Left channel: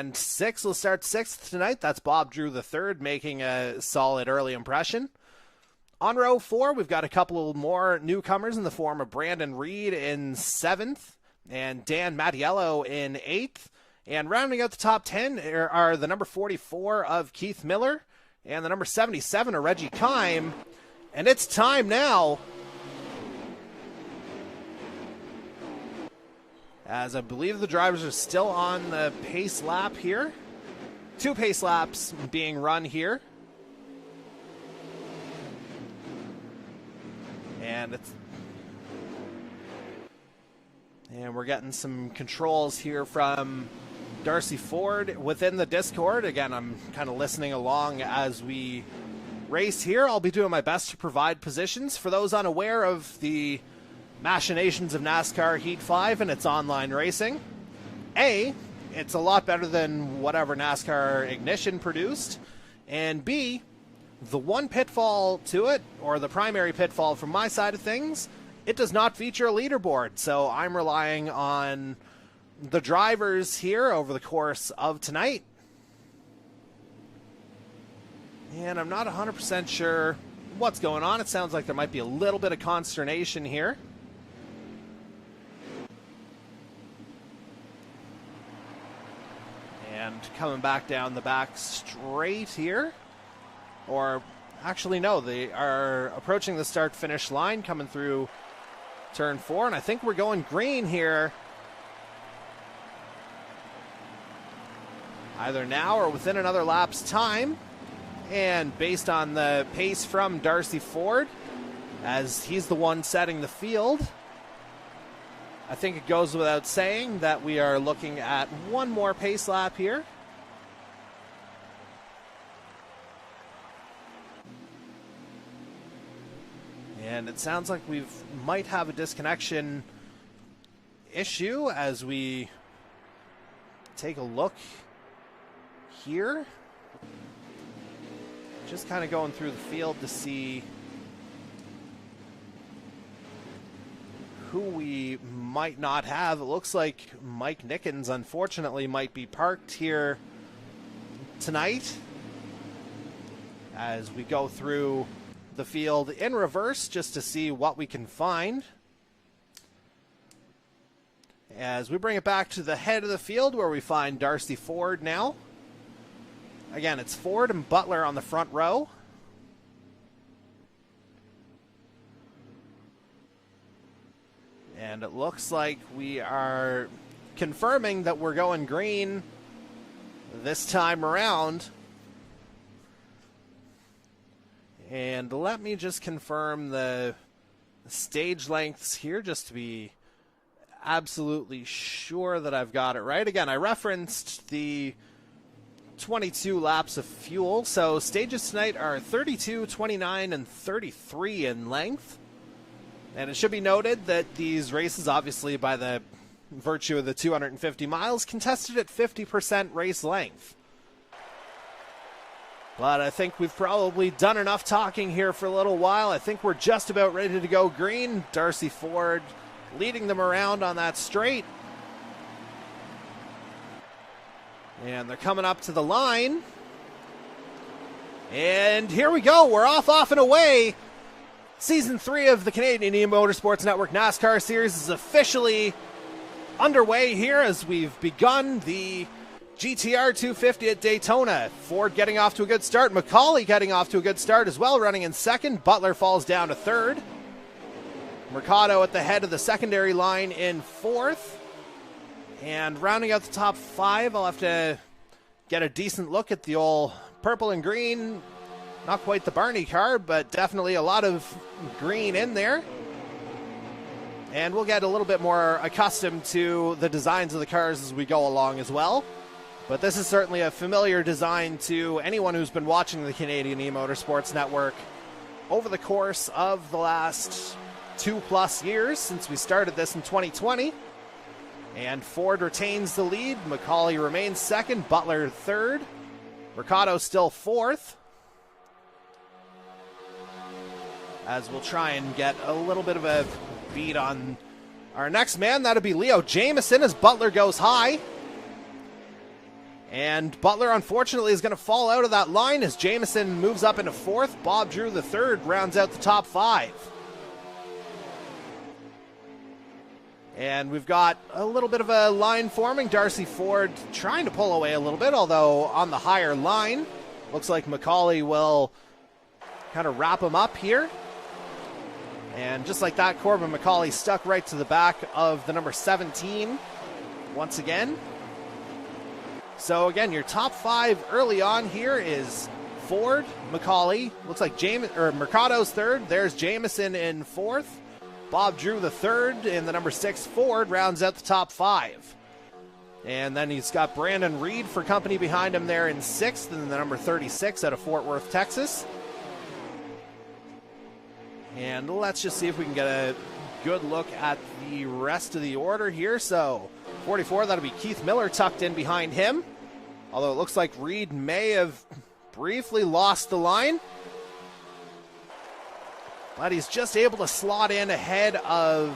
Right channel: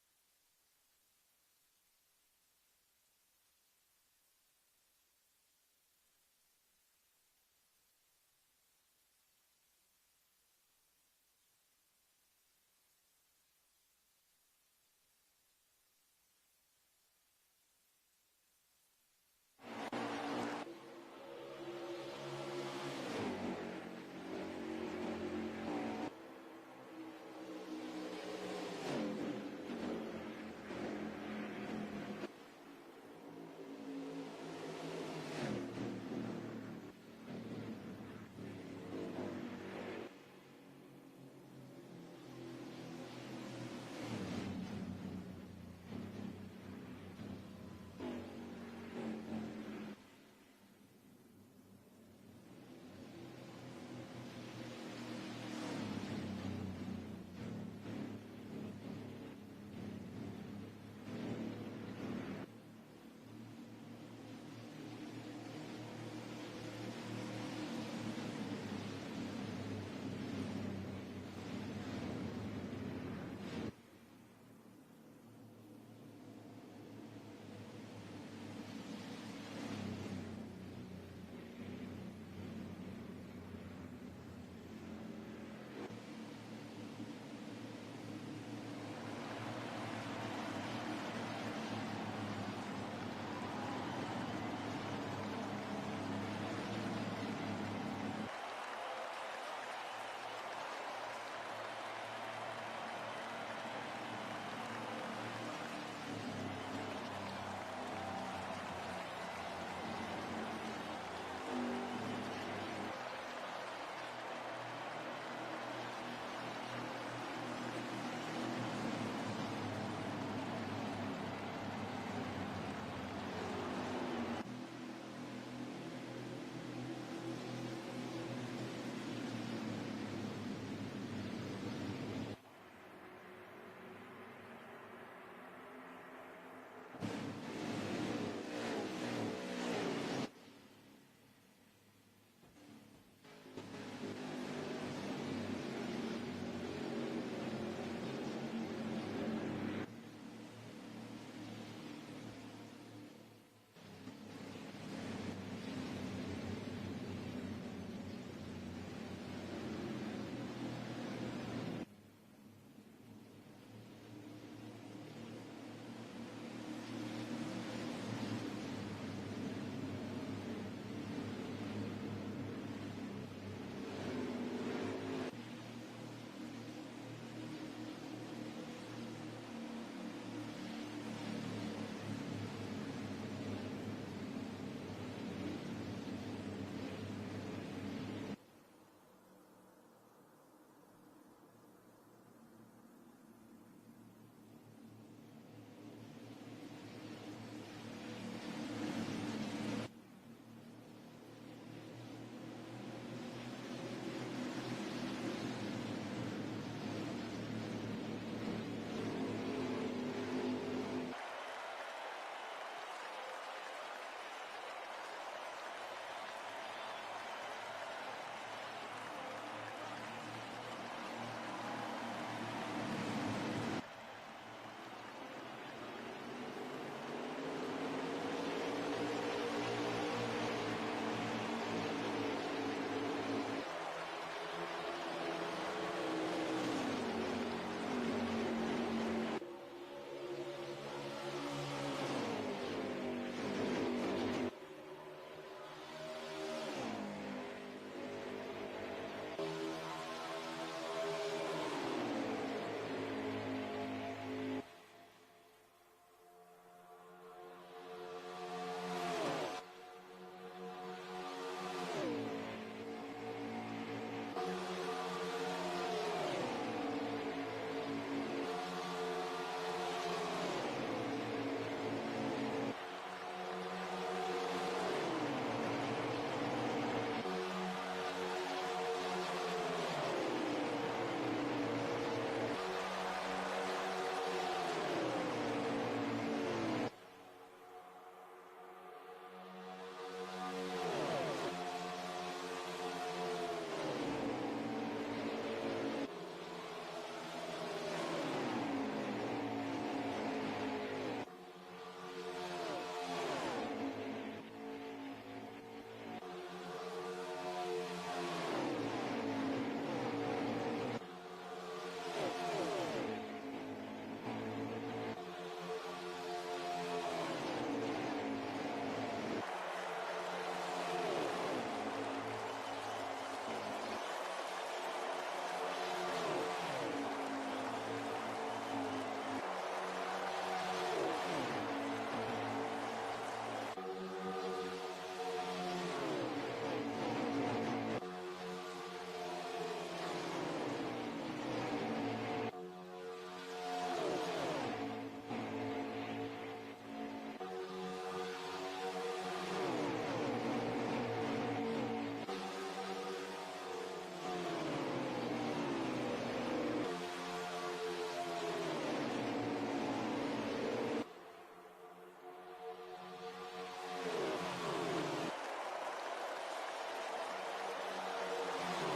And 6th will start 6th tonight. That's Bob Drew III making a solid early impression. On row 4, we've got a couple more newcomers in the form of Brandon Reed in 7th and Dan Mattiello in 8th. And rounding out the top 10 are the number 44 of Keith Miller and the number 77 of Reggie Kime. And it's time now, as I believe the drivers are still on the pace lap here. 2 pace laps being run here. And we're getting some controls here from Darcy Ford within the Discord. Again, I'm kind of listening along as we race here. I'll be doing my best to provide positions. For those unaware of the machinations of NASCAR Heat 5 and its online racing, A, it's a lot better than whatever NASCAR Ignition produced, and B, the one pitfall to it, or the primary pitfall from my side of things, it does not feature a leaderboard, so I'm relying on the drivers here over the course of tonight. And I'm not 100% sure what's going on. It sounds like there might be a little bit of consternation here. And coming back down the back straight here. Or actually, no, they are approaching the start-finish line, coming through turn 4, and I think we're going green here. Either now or within another lap's time. And based on the pace from Darcy Ford, as he's the one setting the field, I think it goes without saying that we are looking at one more pace lap here. And it sounds like we might have a disconnection issue as we take a look here. Just kind of going through the field to see who we might not have. It looks like Mike Nickens, unfortunately, might be parked here tonight as we go through the field in reverse just to see what we can find. As we bring it back to the head of the field where we find Darcy Ford now. Again, it's Ford and Butler on the front row. And it looks like we are confirming that we're going green this time around. And let me just confirm the stage lengths here just to be absolutely sure that I've got it right. Again, I referenced the 22 laps of fuel. So stages tonight are 32, 29, and 33 in length. And it should be noted that these races, obviously by the virtue of the 250 miles, contested at 50% race length. But I think we've probably done enough talking here for a little while. I think we're just about ready to go green. Darcy Ford leading them around on that straight. And they're coming up to the line. And here we go. We're off and away. Season 3 of the Canadian eMotorsports Network NASCAR Series is officially underway here as we've begun the GTR 250 at Daytona. Ford getting off to a good start. McCauley getting off to a good start as well, running in second. Butler falls down to third. Mercado at the head of the secondary line in fourth. And rounding out the top 5, I'll have to get a decent look at the old purple and green. Not quite the Barney car, but definitely a lot of green in there. And we'll get a little bit more accustomed to the designs of the cars as we go along as well. But this is certainly a familiar design to anyone who's been watching the Canadian eMotorsports Network over the course of the last 2+ years since we started this in 2020. And Ford retains the lead. McCauley remains second. Butler third. Mercado still fourth. As we'll try and get a little bit of a beat on our next man. That'll be Leo Jamieson as Butler goes high. And Butler, unfortunately, is going to fall out of that line as Jamieson moves up into fourth. Bob Drew, the third, rounds out the top five. And we've got a little bit of a line forming. Darcy Ford trying to pull away a little bit, although on the higher line. Looks like McCauley will kind of wrap him up here. And just like that, Corbin McCauley stuck right to the back of the number 17 once again. So again, your top five early on here is Ford, McCauley. Looks like Mercado's third. There's Jamieson in fourth. Bob Drew the third, and the number 6 Ford rounds out the top five. And then he's got Brandon Reed for company behind him there in sixth, and the number 36 out of Fort Worth, Texas. And let's just see if we can get a good look at the rest of the order here. So 44, that'll be Keith Miller tucked in behind him. Although it looks like Reed may have briefly lost the line. But he's just able to slot in ahead of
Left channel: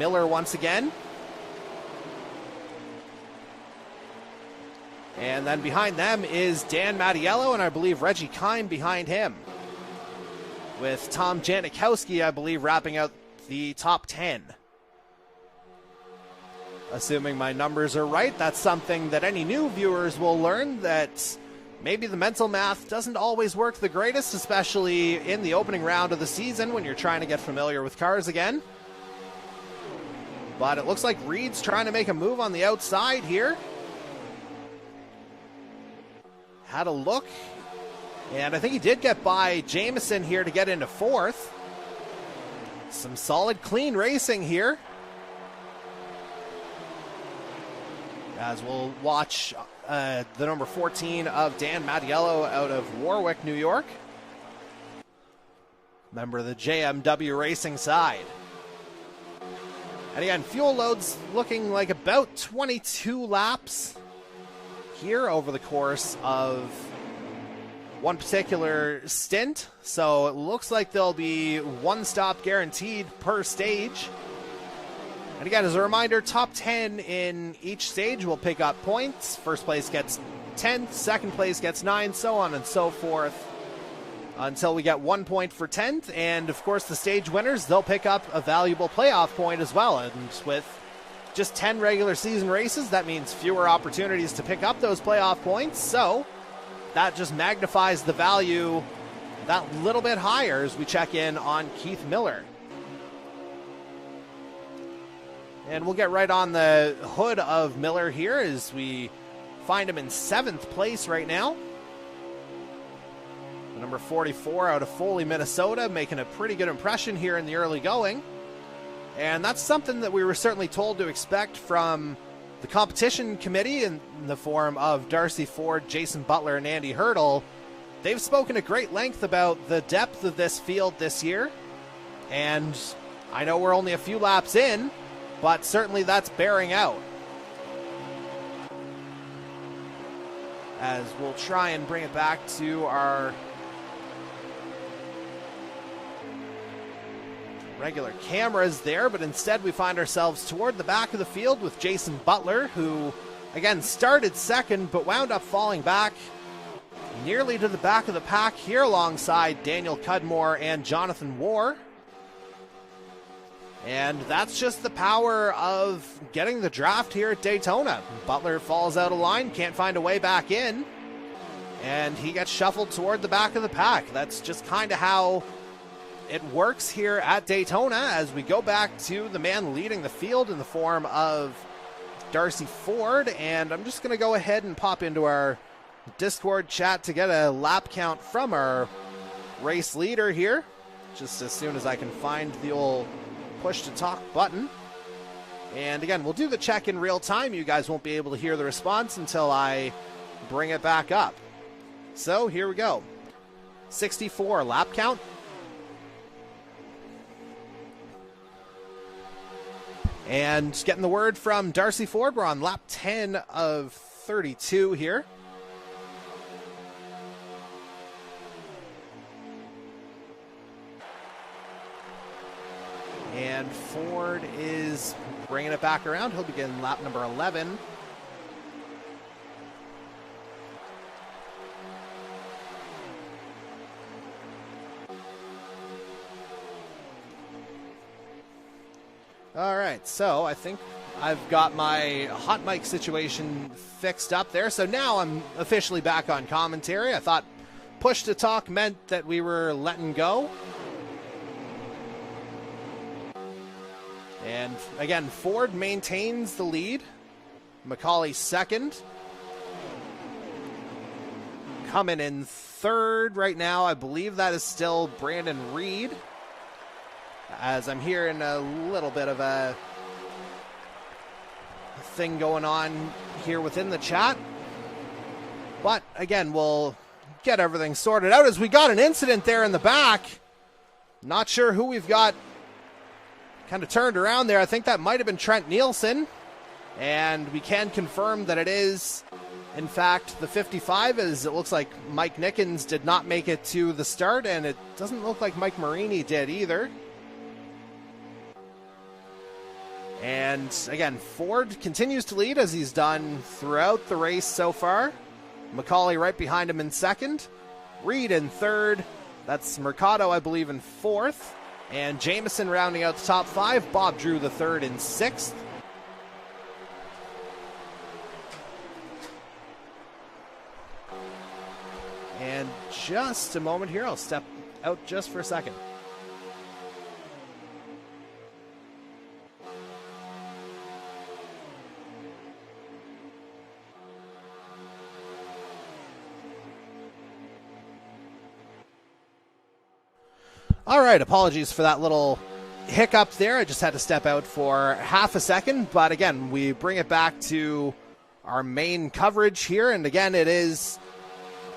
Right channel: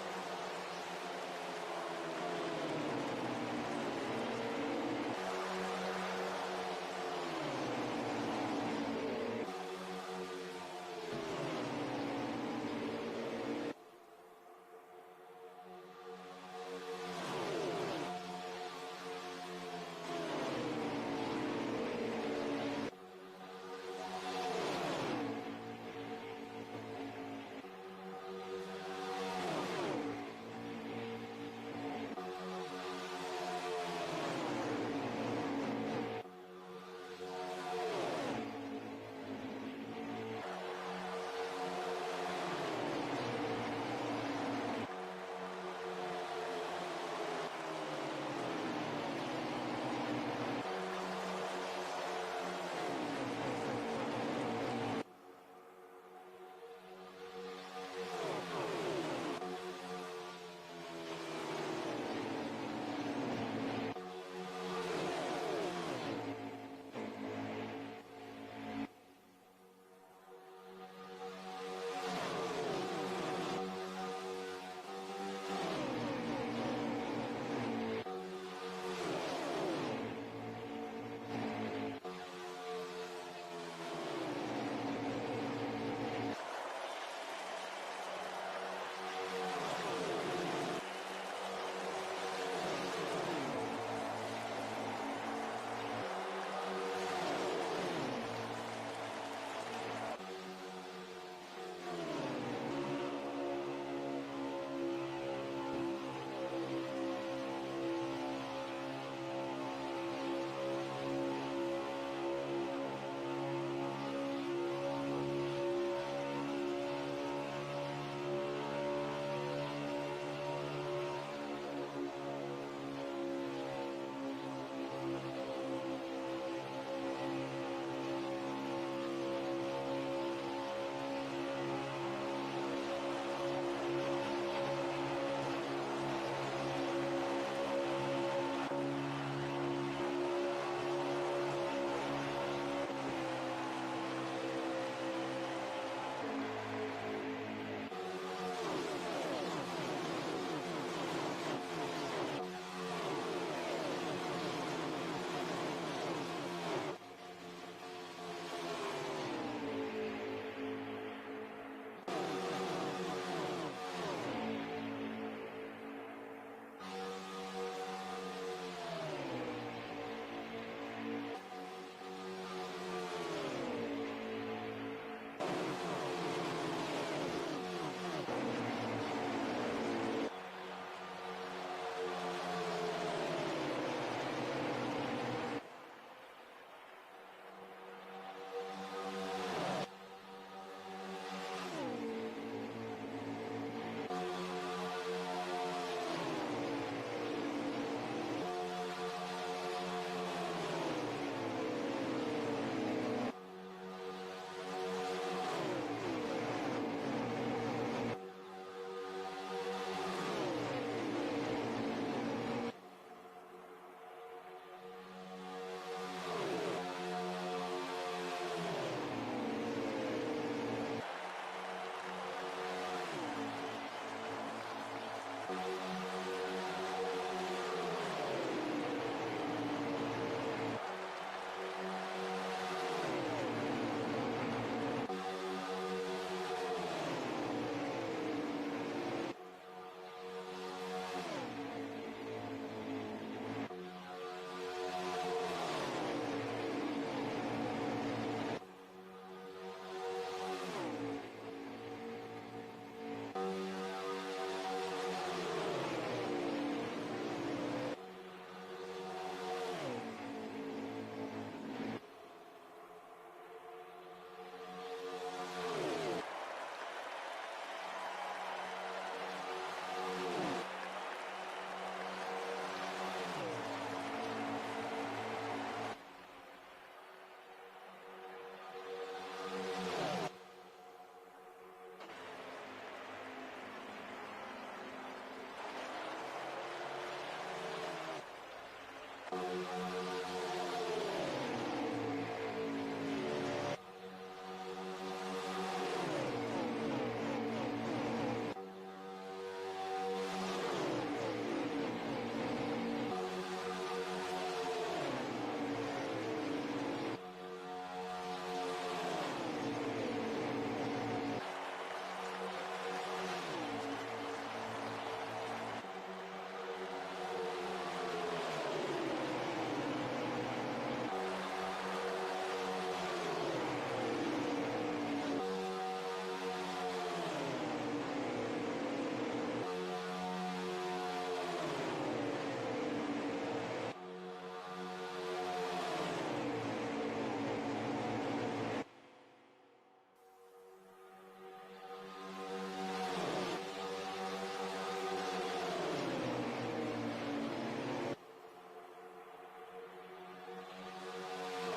Miller once again. And then behind them is Dan Mattiello, and I believe Reggie Kine behind him. With Tom Janikowski, I believe, wrapping out the top 10. Assuming my numbers are right, that's something that any new viewers will learn, that maybe the mental math doesn't always work the greatest, especially in the opening round of the season when you're trying to get familiar with cars again. But it looks like Reed's trying to make a move on the outside here. Had a look, and I think he did get by Jamieson here to get into fourth. Some solid, clean racing here. As we'll watch the number 14 of Dan Mattiello out of Warwick, New York. Member of the JMW Racing side. And again, fuel loads looking like about 22 laps here over the course of one particular stint. So it looks like there'll be one stop guaranteed per stage. And again, as a reminder, top 10 in each stage will pick up points. First place gets 10th, second place gets 9, so on and so forth, until we get 1 point for 10th. And of course, the stage winners, they'll pick up a valuable playoff point as well. And with just 10 regular season races, that means fewer opportunities to pick up those playoff points. So that just magnifies the value that little bit higher as we check in on Keith Miller. And we'll get right on the hood of Miller here as we find him in 7th place right now. Number 44 out of Foley, Minnesota, making a pretty good impression here in the early going. And that's something that we were certainly told to expect from the competition committee in the form of Darcy Ford, Jason Butler, and Andy Hurdle. They've spoken at great length about the depth of this field this year. And I know we're only a few laps in, but certainly that's bearing out. As we'll try and bring it back to our regular cameras there, but instead we find ourselves toward the back of the field with Jason Butler, who again started second but wound up falling back nearly to the back of the pack here alongside Daniel Cudmore and Jonathan Warr. And that's just the power of getting the draft here at Daytona. Butler falls out of line, can't find a way back in, and he gets shuffled toward the back of the pack. That's just kind of how it works here at Daytona as we go back to the man leading the field in the form of Darcy Ford. And I'm just going to go ahead and pop into our Discord chat to get a lap count from our race leader here, just as soon as I can find the old push to talk button. And again, we'll do the check in real time. You guys won't be able to hear the response until I bring it back up. So here we go. 64 lap count. And getting the word from Darcy Ford, we're on lap 10 of 32 here. And Ford is bringing it back around. He'll begin lap number 11. All right, so I think I've got my hot mic situation fixed up there. So now I'm officially back on commentary. I thought push to talk meant that we were letting go. And again, Ford maintains the lead. McCauley second. Coming in third right now, I believe that is still Brandon Reed. As I'm hearing a little bit of a thing going on here within the chat. But again, we'll get everything sorted out as we got an incident there in the back. Not sure who we've got kind of turned around there. I think that might have been Trent Nielsen. And we can confirm that it is, in fact, the 55, as it looks like Mike Nickens did not make it to the start, and it doesn't look like Mike Marini did either. And again, Ford continues to lead as he's done throughout the race so far. McCauley right behind him in second. Reed in third. That's Mercado, I believe, in fourth. And Jameson rounding out the top five. Bob Drew the third in sixth. And just a moment here, I'll step out just for a second. All right, apologies for that little hiccup there. I just had to step out for half a second. But again, we bring it back to our main coverage here. And again, it is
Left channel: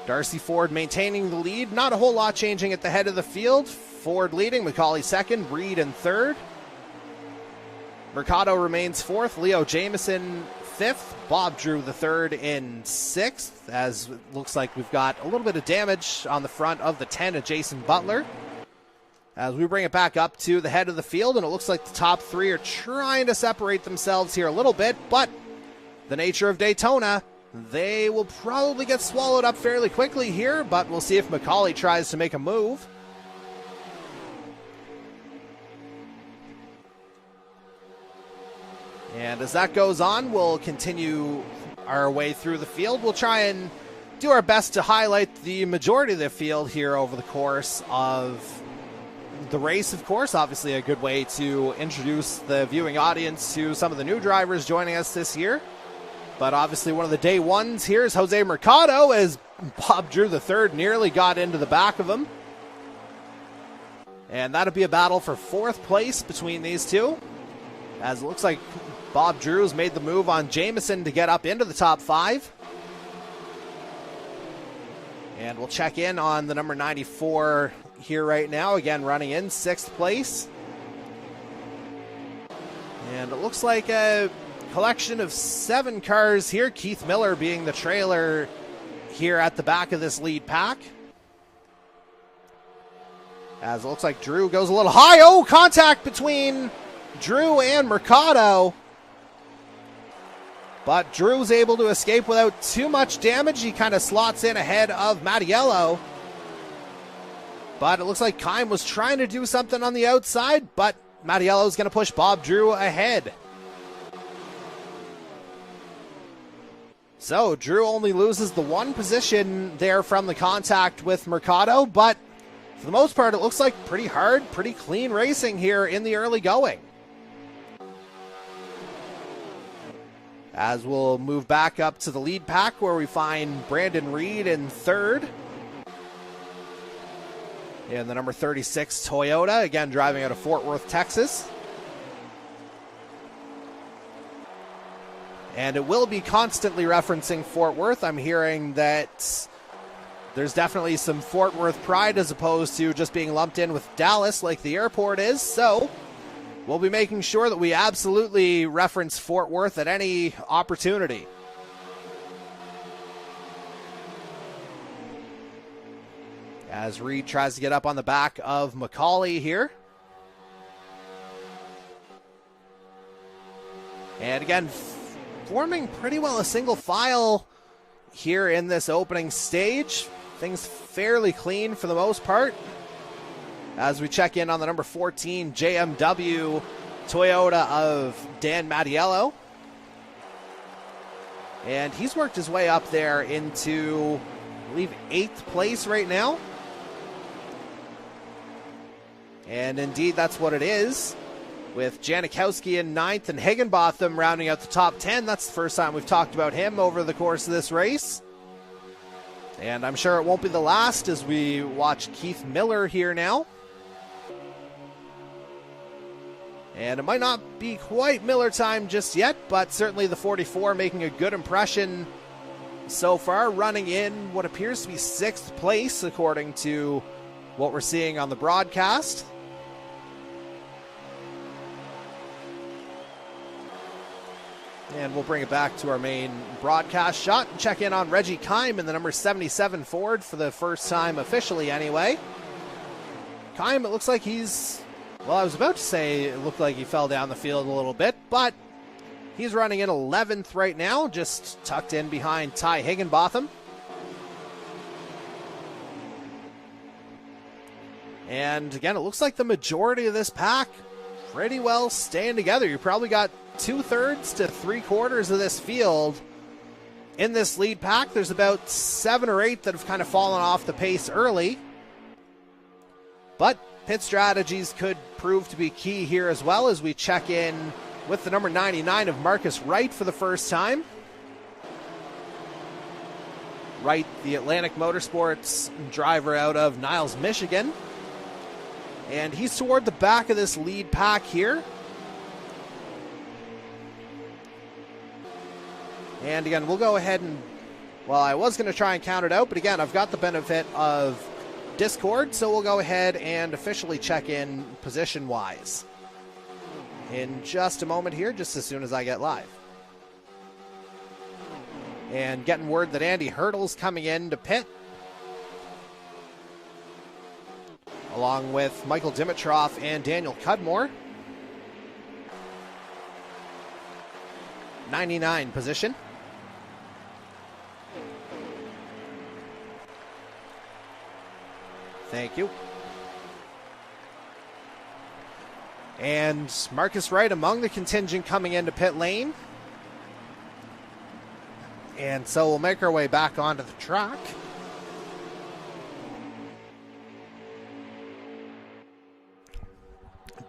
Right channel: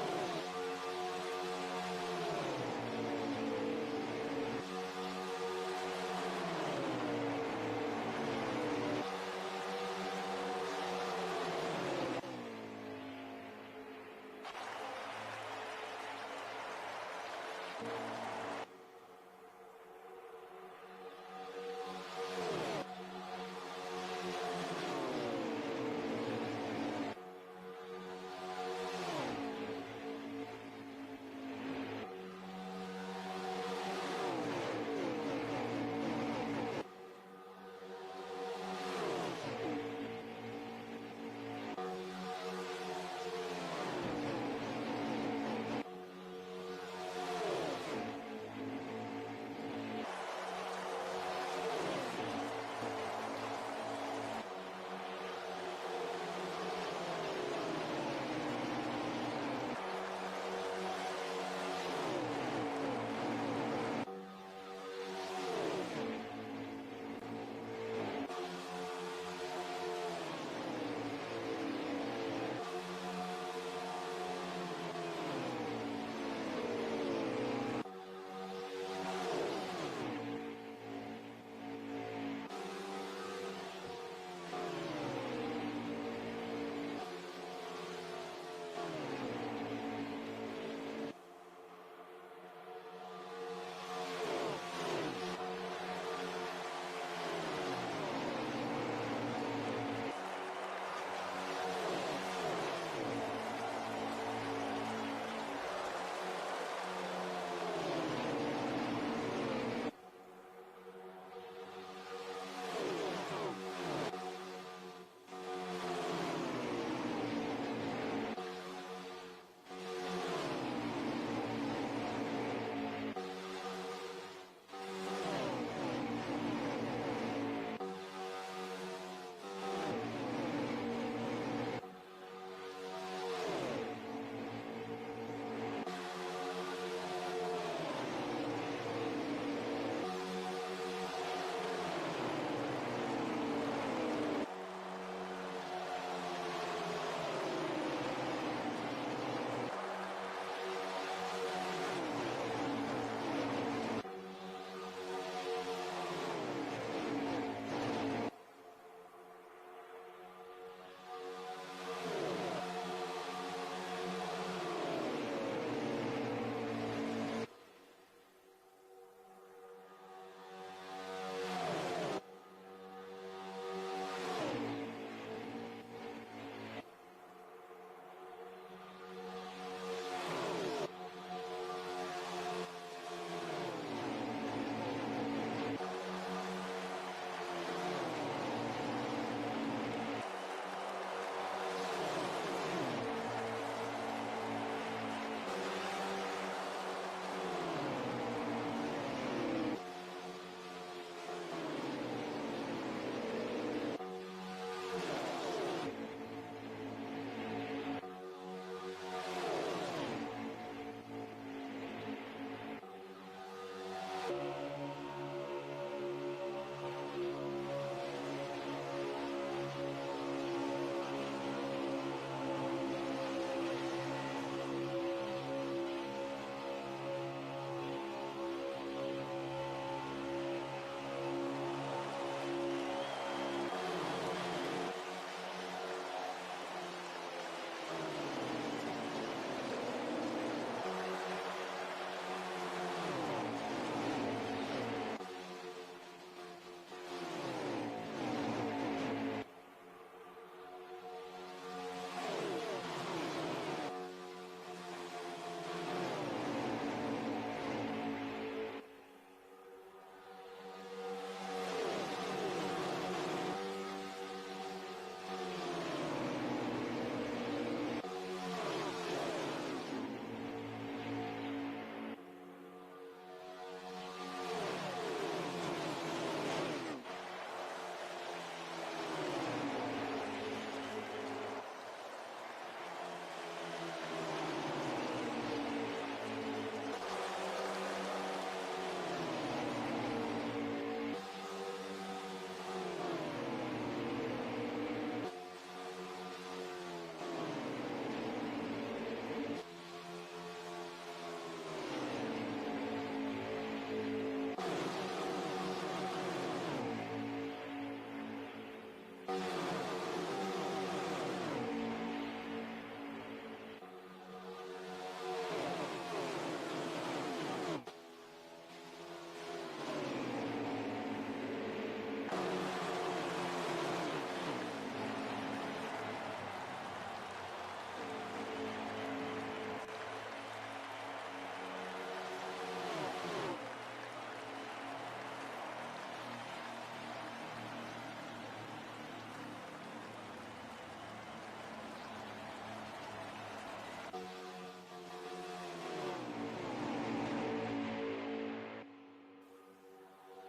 Darcy Ford maintaining the lead. Not a whole lot changing at the head of the field. Ford leading, McCauley second, Reed in third. Mercado remains fourth, Leo Jameson fifth, Bob Drew the third in sixth, as it looks like we've got a little bit of damage on the front of the 10 of Jason Butler. As we bring it back up to the head of the field, and it looks like the top three are trying to separate themselves here a little bit, but the nature of Daytona, they will probably get swallowed up fairly quickly here, but we'll see if McCauley tries to make a move. And as that goes on, we'll continue our way through the field. We'll try and do our best to highlight the majority of the field here over the course of the race, of course. Obviously a good way to introduce the viewing audience to some of the new drivers joining us this year. But obviously one of the day ones here is Jose Mercado, as Bob Drew the third nearly got into the back of him. And that'll be a battle for fourth place between these two, as it looks like Bob Drew's made the move on Jameson to get up into the top five. And we'll check in on the number 94 here right now, again running in sixth place. And it looks like a collection of 7 cars here, Keith Miller being the trailer here at the back of this lead pack. As it looks like Drew goes a little high. Oh, contact between Drew and Mercado. But Drew's able to escape without too much damage. He kind of slots in ahead of Mattiello. But it looks like Kime was trying to do something on the outside, but Mattiello's going to push Bob Drew ahead. So Drew only loses the one position there from the contact with Mercado, but for the most part, it looks like pretty hard, pretty clean racing here in the early going. As we'll move back up to the lead pack, where we find Brandon Reed in third. And the number 36 Toyota, again driving out of Fort Worth, Texas. And it will be constantly referencing Fort Worth. I'm hearing that there's definitely some Fort Worth pride as opposed to just being lumped in with Dallas like the airport is. So we'll be making sure that we absolutely reference Fort Worth at any opportunity. As Reed tries to get up on the back of McCauley here. And again, forming pretty well a single file here in this opening stage. Things fairly clean for the most part. As we check in on the number 14 JMW Toyota of Dan Mattiello. And he's worked his way up there into, I believe, 8th place right now. And indeed, that's what it is, with Janikowski in 9th and Higginbotham rounding out the top 10. That's the first time we've talked about him over the course of this race. And I'm sure it won't be the last as we watch Keith Miller here now. And it might not be quite Miller time just yet, but certainly the 44 making a good impression so far, running in what appears to be 6th place according to what we're seeing on the broadcast. And we'll bring it back to our main broadcast shot and check in on Reggie Kime in the number 77 Ford for the first time officially anyway. Kime, it looks like he's, well, I was about to say it looked like he fell down the field a little bit, but he's running in 11th right now, just tucked in behind Ty Higginbotham. And again, it looks like the majority of this pack pretty well staying together. You probably got 2/3 to 3/4 of this field in this lead pack. There's about 7 or 8 that have kind of fallen off the pace early. But pit strategies could prove to be key here as well as we check in with the number 99 of Marcus Wright for the first time. Wright, the Atlantic Motorsports driver out of Niles, Michigan. And he's toward the back of this lead pack here. And again, we'll go ahead and, well, I was going to try and count it out, but again, I've got the benefit of Discord, so we'll go ahead and officially check in position-wise in just a moment here, just as soon as I get live. And getting word that Andy Hurdle's coming in to pit, along with Michael Dimitrov and Daniel Cudmore. 99 position. Thank you. And Marcus Wright among the contingent coming into pit lane. And so we'll make our way back onto the track.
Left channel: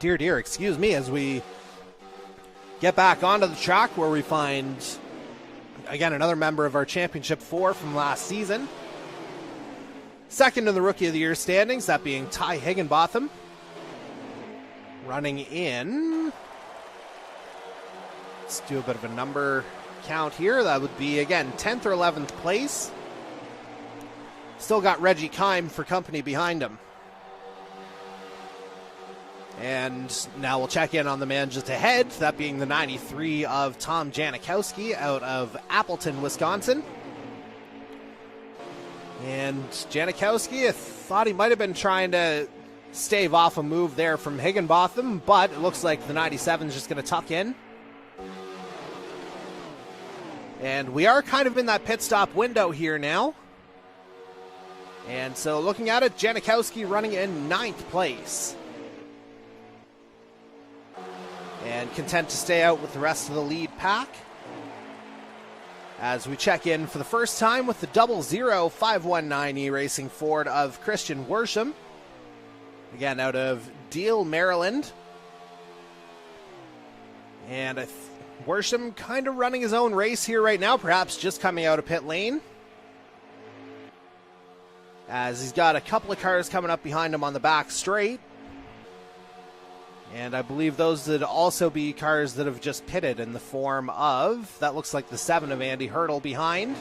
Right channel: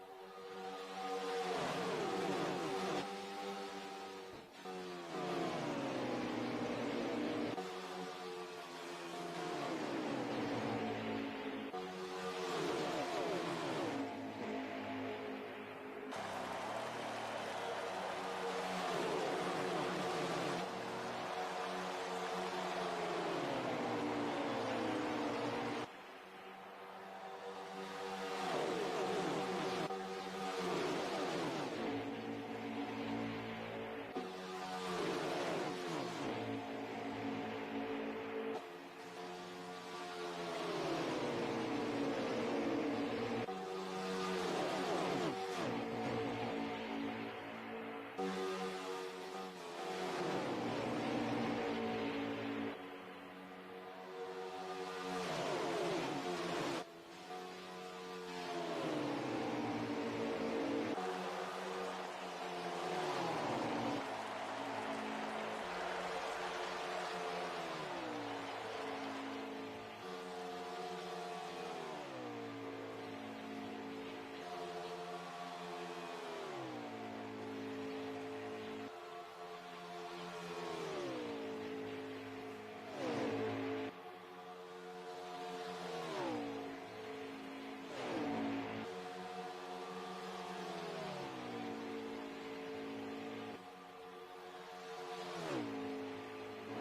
Dear, excuse me, as we get back onto the track where we find, again, another member of our Championship 4 from last season. Second in the Rookie of the Year standings, that being Ty Higginbotham. Running in, let's do a bit of a number count here. That would be, again, 10th or 11th place. Still got Reggie Kime for company behind him. And now we'll check in on the man just ahead, that being the 93 of Tom Janikowski out of Appleton, Wisconsin. And Janikowski, I thought he might have been trying to stave off a move there from Higginbotham, but it looks like the 97 is just going to tuck in. And we are kind of in that pit stop window here now. And so looking at it, Janikowski running in 9th place. And content to stay out with the rest of the lead pack. As we check in for the first time with the 00519 Racing Ford of Christian Worsham. Again, out of Deal, Maryland. And Worsham kind of running his own race here right now, perhaps just coming out of pit lane. As he's got a couple of cars coming up behind him on the back straight. And I believe those would also be cars that have just pitted in the form of, that looks like the 7 of Andy Hurdle behind.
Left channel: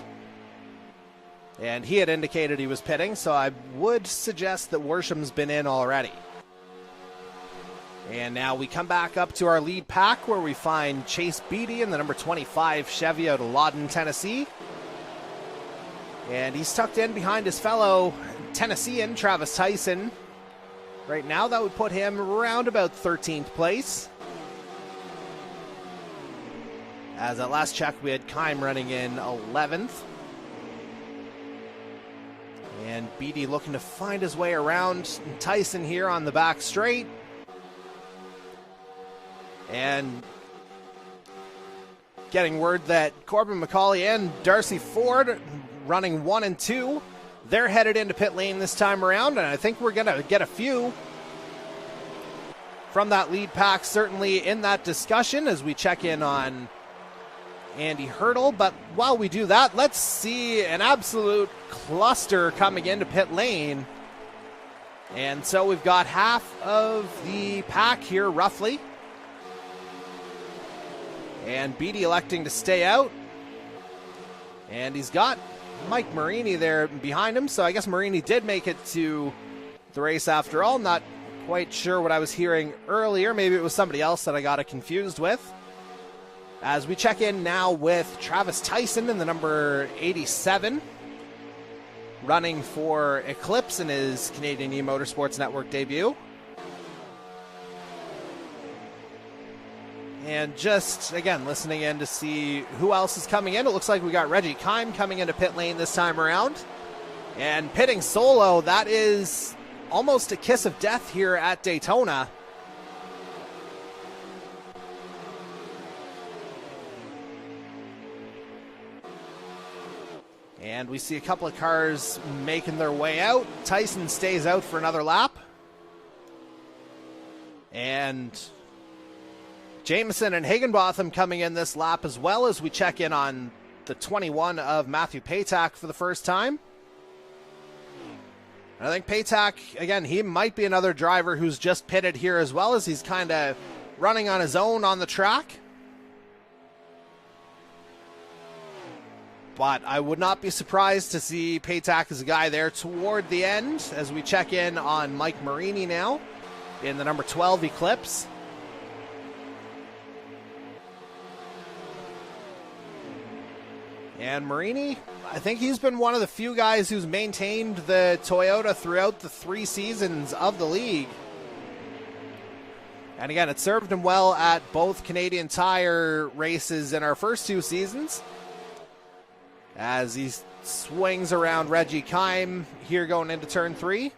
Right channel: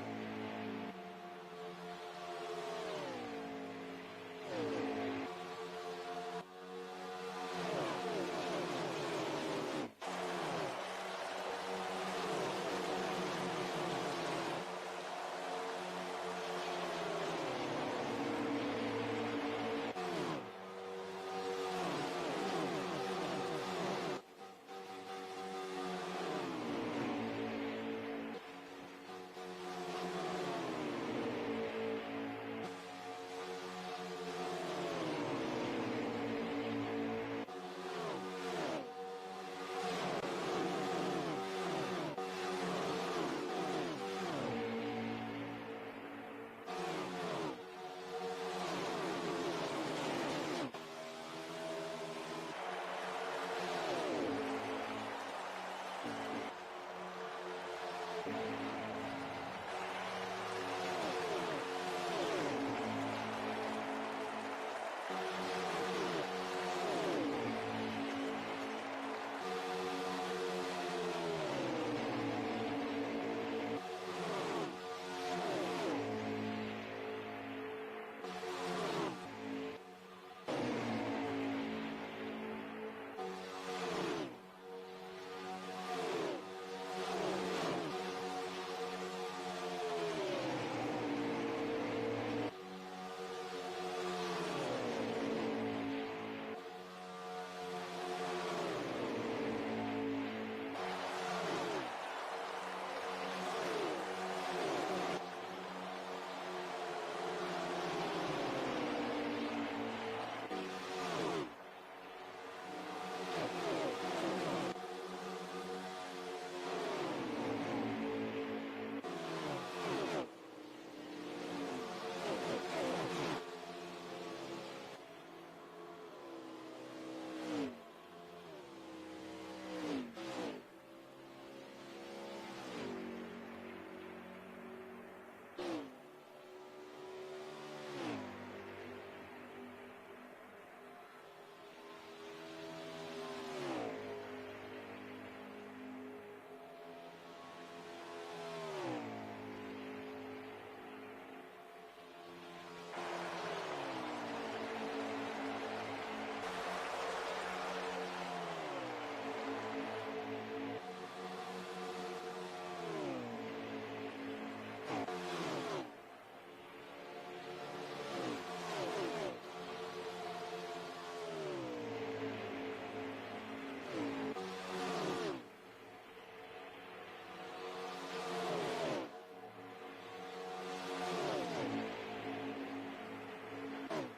And he had indicated he was pitting, so I would suggest that Worsham's been in already. And now we come back up to our lead pack where we find Chase Beatty in the number 25 Chevy out of Lawton, Tennessee. And he's tucked in behind his fellow Tennessean, Travis Tyson. Right now, that would put him around about 13th place. As at last check, we had Kime running in 11th. And Beatty looking to find his way around Tyson here on the back straight. And getting word that Corbin McCauley and Darcy Ford, running 1 and 2, they're headed into pit lane this time around, and I think we're going to get a few from that lead pack certainly in that discussion as we check in on Andy Hurdle. But while we do that, let's see an absolute cluster coming into pit lane. And so we've got half of the pack here roughly. And Beatty electing to stay out. And he's got Mike Marini there behind him, so I guess Marini did make it to the race after all. Not quite sure what I was hearing earlier. Maybe it was somebody else that I got it confused with. As we check in now with Travis Tyson in the number 87, running for Eclipse in his Canadian eMotorsports Network debut. And just, again, listening in to see who else is coming in. It looks like we got Reggie Kime coming into pit lane this time around. And pitting solo, that is almost a kiss of death here at Daytona. And we see a couple of cars making their way out. Tyson stays out for another lap. And Jameson and Higginbotham coming in this lap as well as we check in on the 21 of Matthew Paytak for the first time. And I think Paytak, again, he might be another driver who's just pitted here as well, as he's kind of running on his own on the track. But I would not be surprised to see Paytak as a guy there toward the end as we check in on Mike Marini now in the number 12 Eclipse. And Marini, I think he's been one of the few guys who's maintained the Toyota throughout the 3 seasons of the league. And again, it served him well at both Canadian Tire races in our first 2 seasons. As he swings around Reggie Kime here going into turn 3.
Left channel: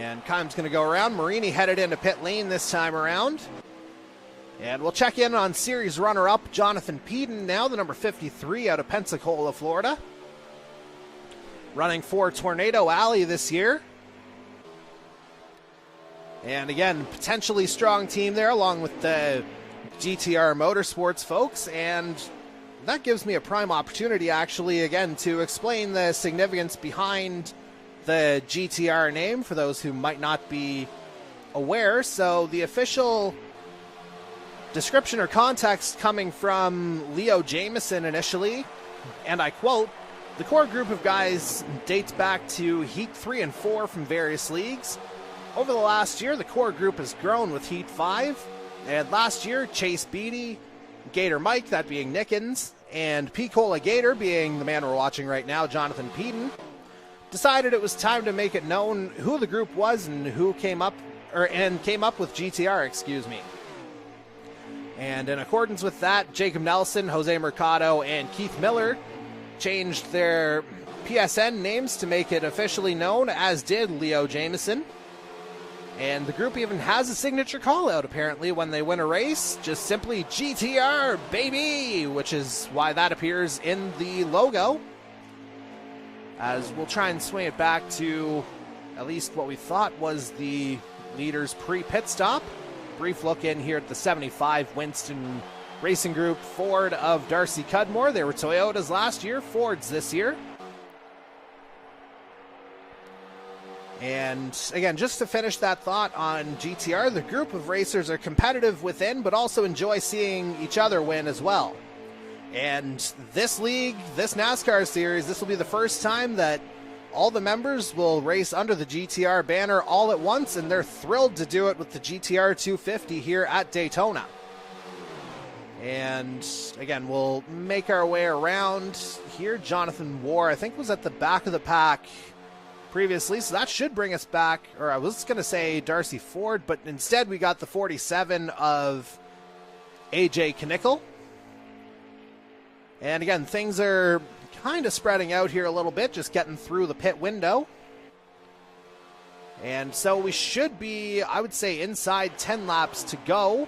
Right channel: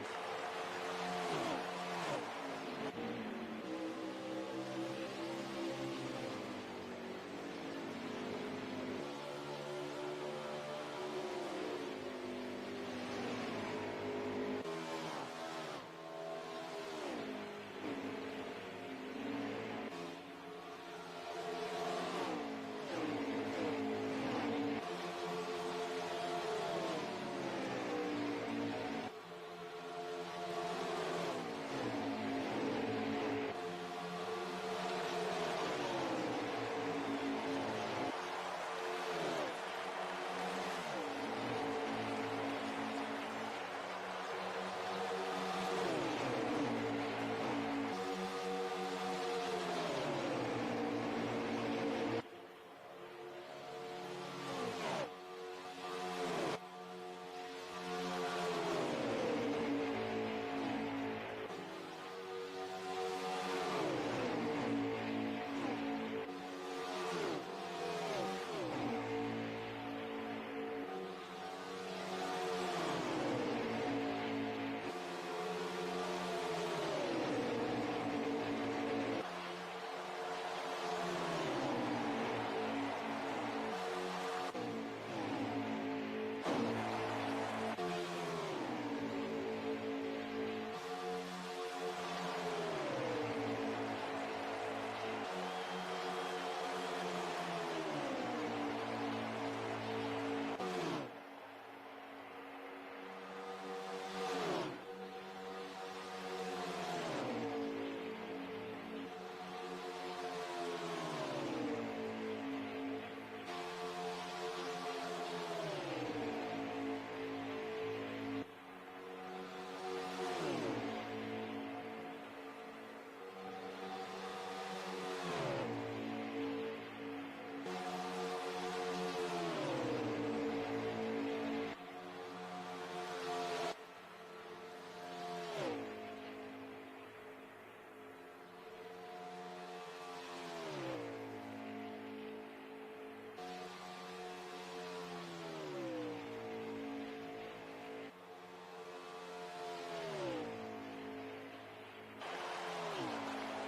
And Kime's going to go around. Marini headed into pit lane this time around. And we'll check in on series runner-up Jonathan Peden now, the number 53 out of Pensacola, Florida. Running for Tornado Alley this year. And again, potentially strong team there along with the GTR Motorsports folks. And that gives me a prime opportunity actually again to explain the significance behind the GTR name for those who might not be aware. So the official description or context coming from Leo Jameson initially, and I quote, "The core group of guys dates back to Heat 3 and 4 from various leagues. Over the last year, the core group has grown with Heat 5, and last year, Chase Beatty, Gator Mike, that being Nickens, and P-Cola Gator being the man we're watching right now, Jonathan Peden, decided it was time to make it known who the group was and who came up with GTR, excuse me. And in accordance with that, Jacob Nelson, Jose Mercado, and Keith Miller changed their PSN names to make it officially known, as did Leo Jameson. And the group even has a signature call-out, apparently, when they win a race. Just simply GTR, baby! Which is why that appears in the logo. As we'll try and swing it back to at least what we thought was the leaders pre-pit stop. Brief look in here at the 75 Winston Racing Group Ford of Darcy Cudmore. They were Toyotas last year, Fords this year. And again, just to finish that thought on GTR, the group of racers are competitive within, but also enjoy seeing each other win as well. And this league, this NASCAR series, this will be the first time that all the members will race under the GTR banner all at once, and they're thrilled to do it with the GTR 250 here at Daytona. And again, we'll make our way around here. Jonathan Moore, I think, was at the back of the pack previously, so that should bring us back, or I was going to say Darcy Ford, but instead we got the 47 of AJ Knickel. And again, things are kind of spreading out here a little bit, just getting through the pit window. And so we should be, I would say, inside 10 laps to go,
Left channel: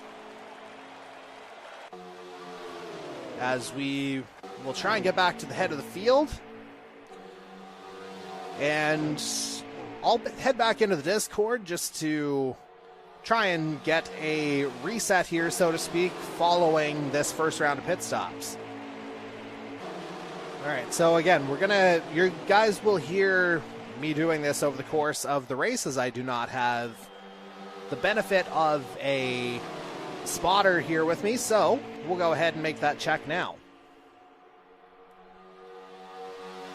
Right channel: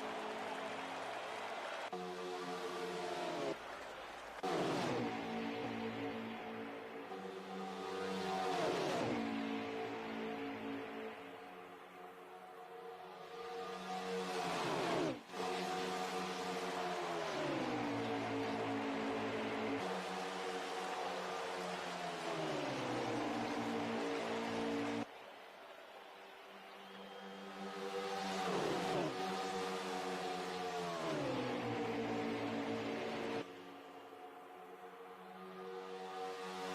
as we will try and get back to the head of the field. And I'll head back into the Discord just to try and get a reset here, so to speak, following this first round of pit stops. All right, so again, you guys will hear me doing this over the course of the race, as I do not have the benefit of a spotter here with me, so we'll go ahead and make that check now.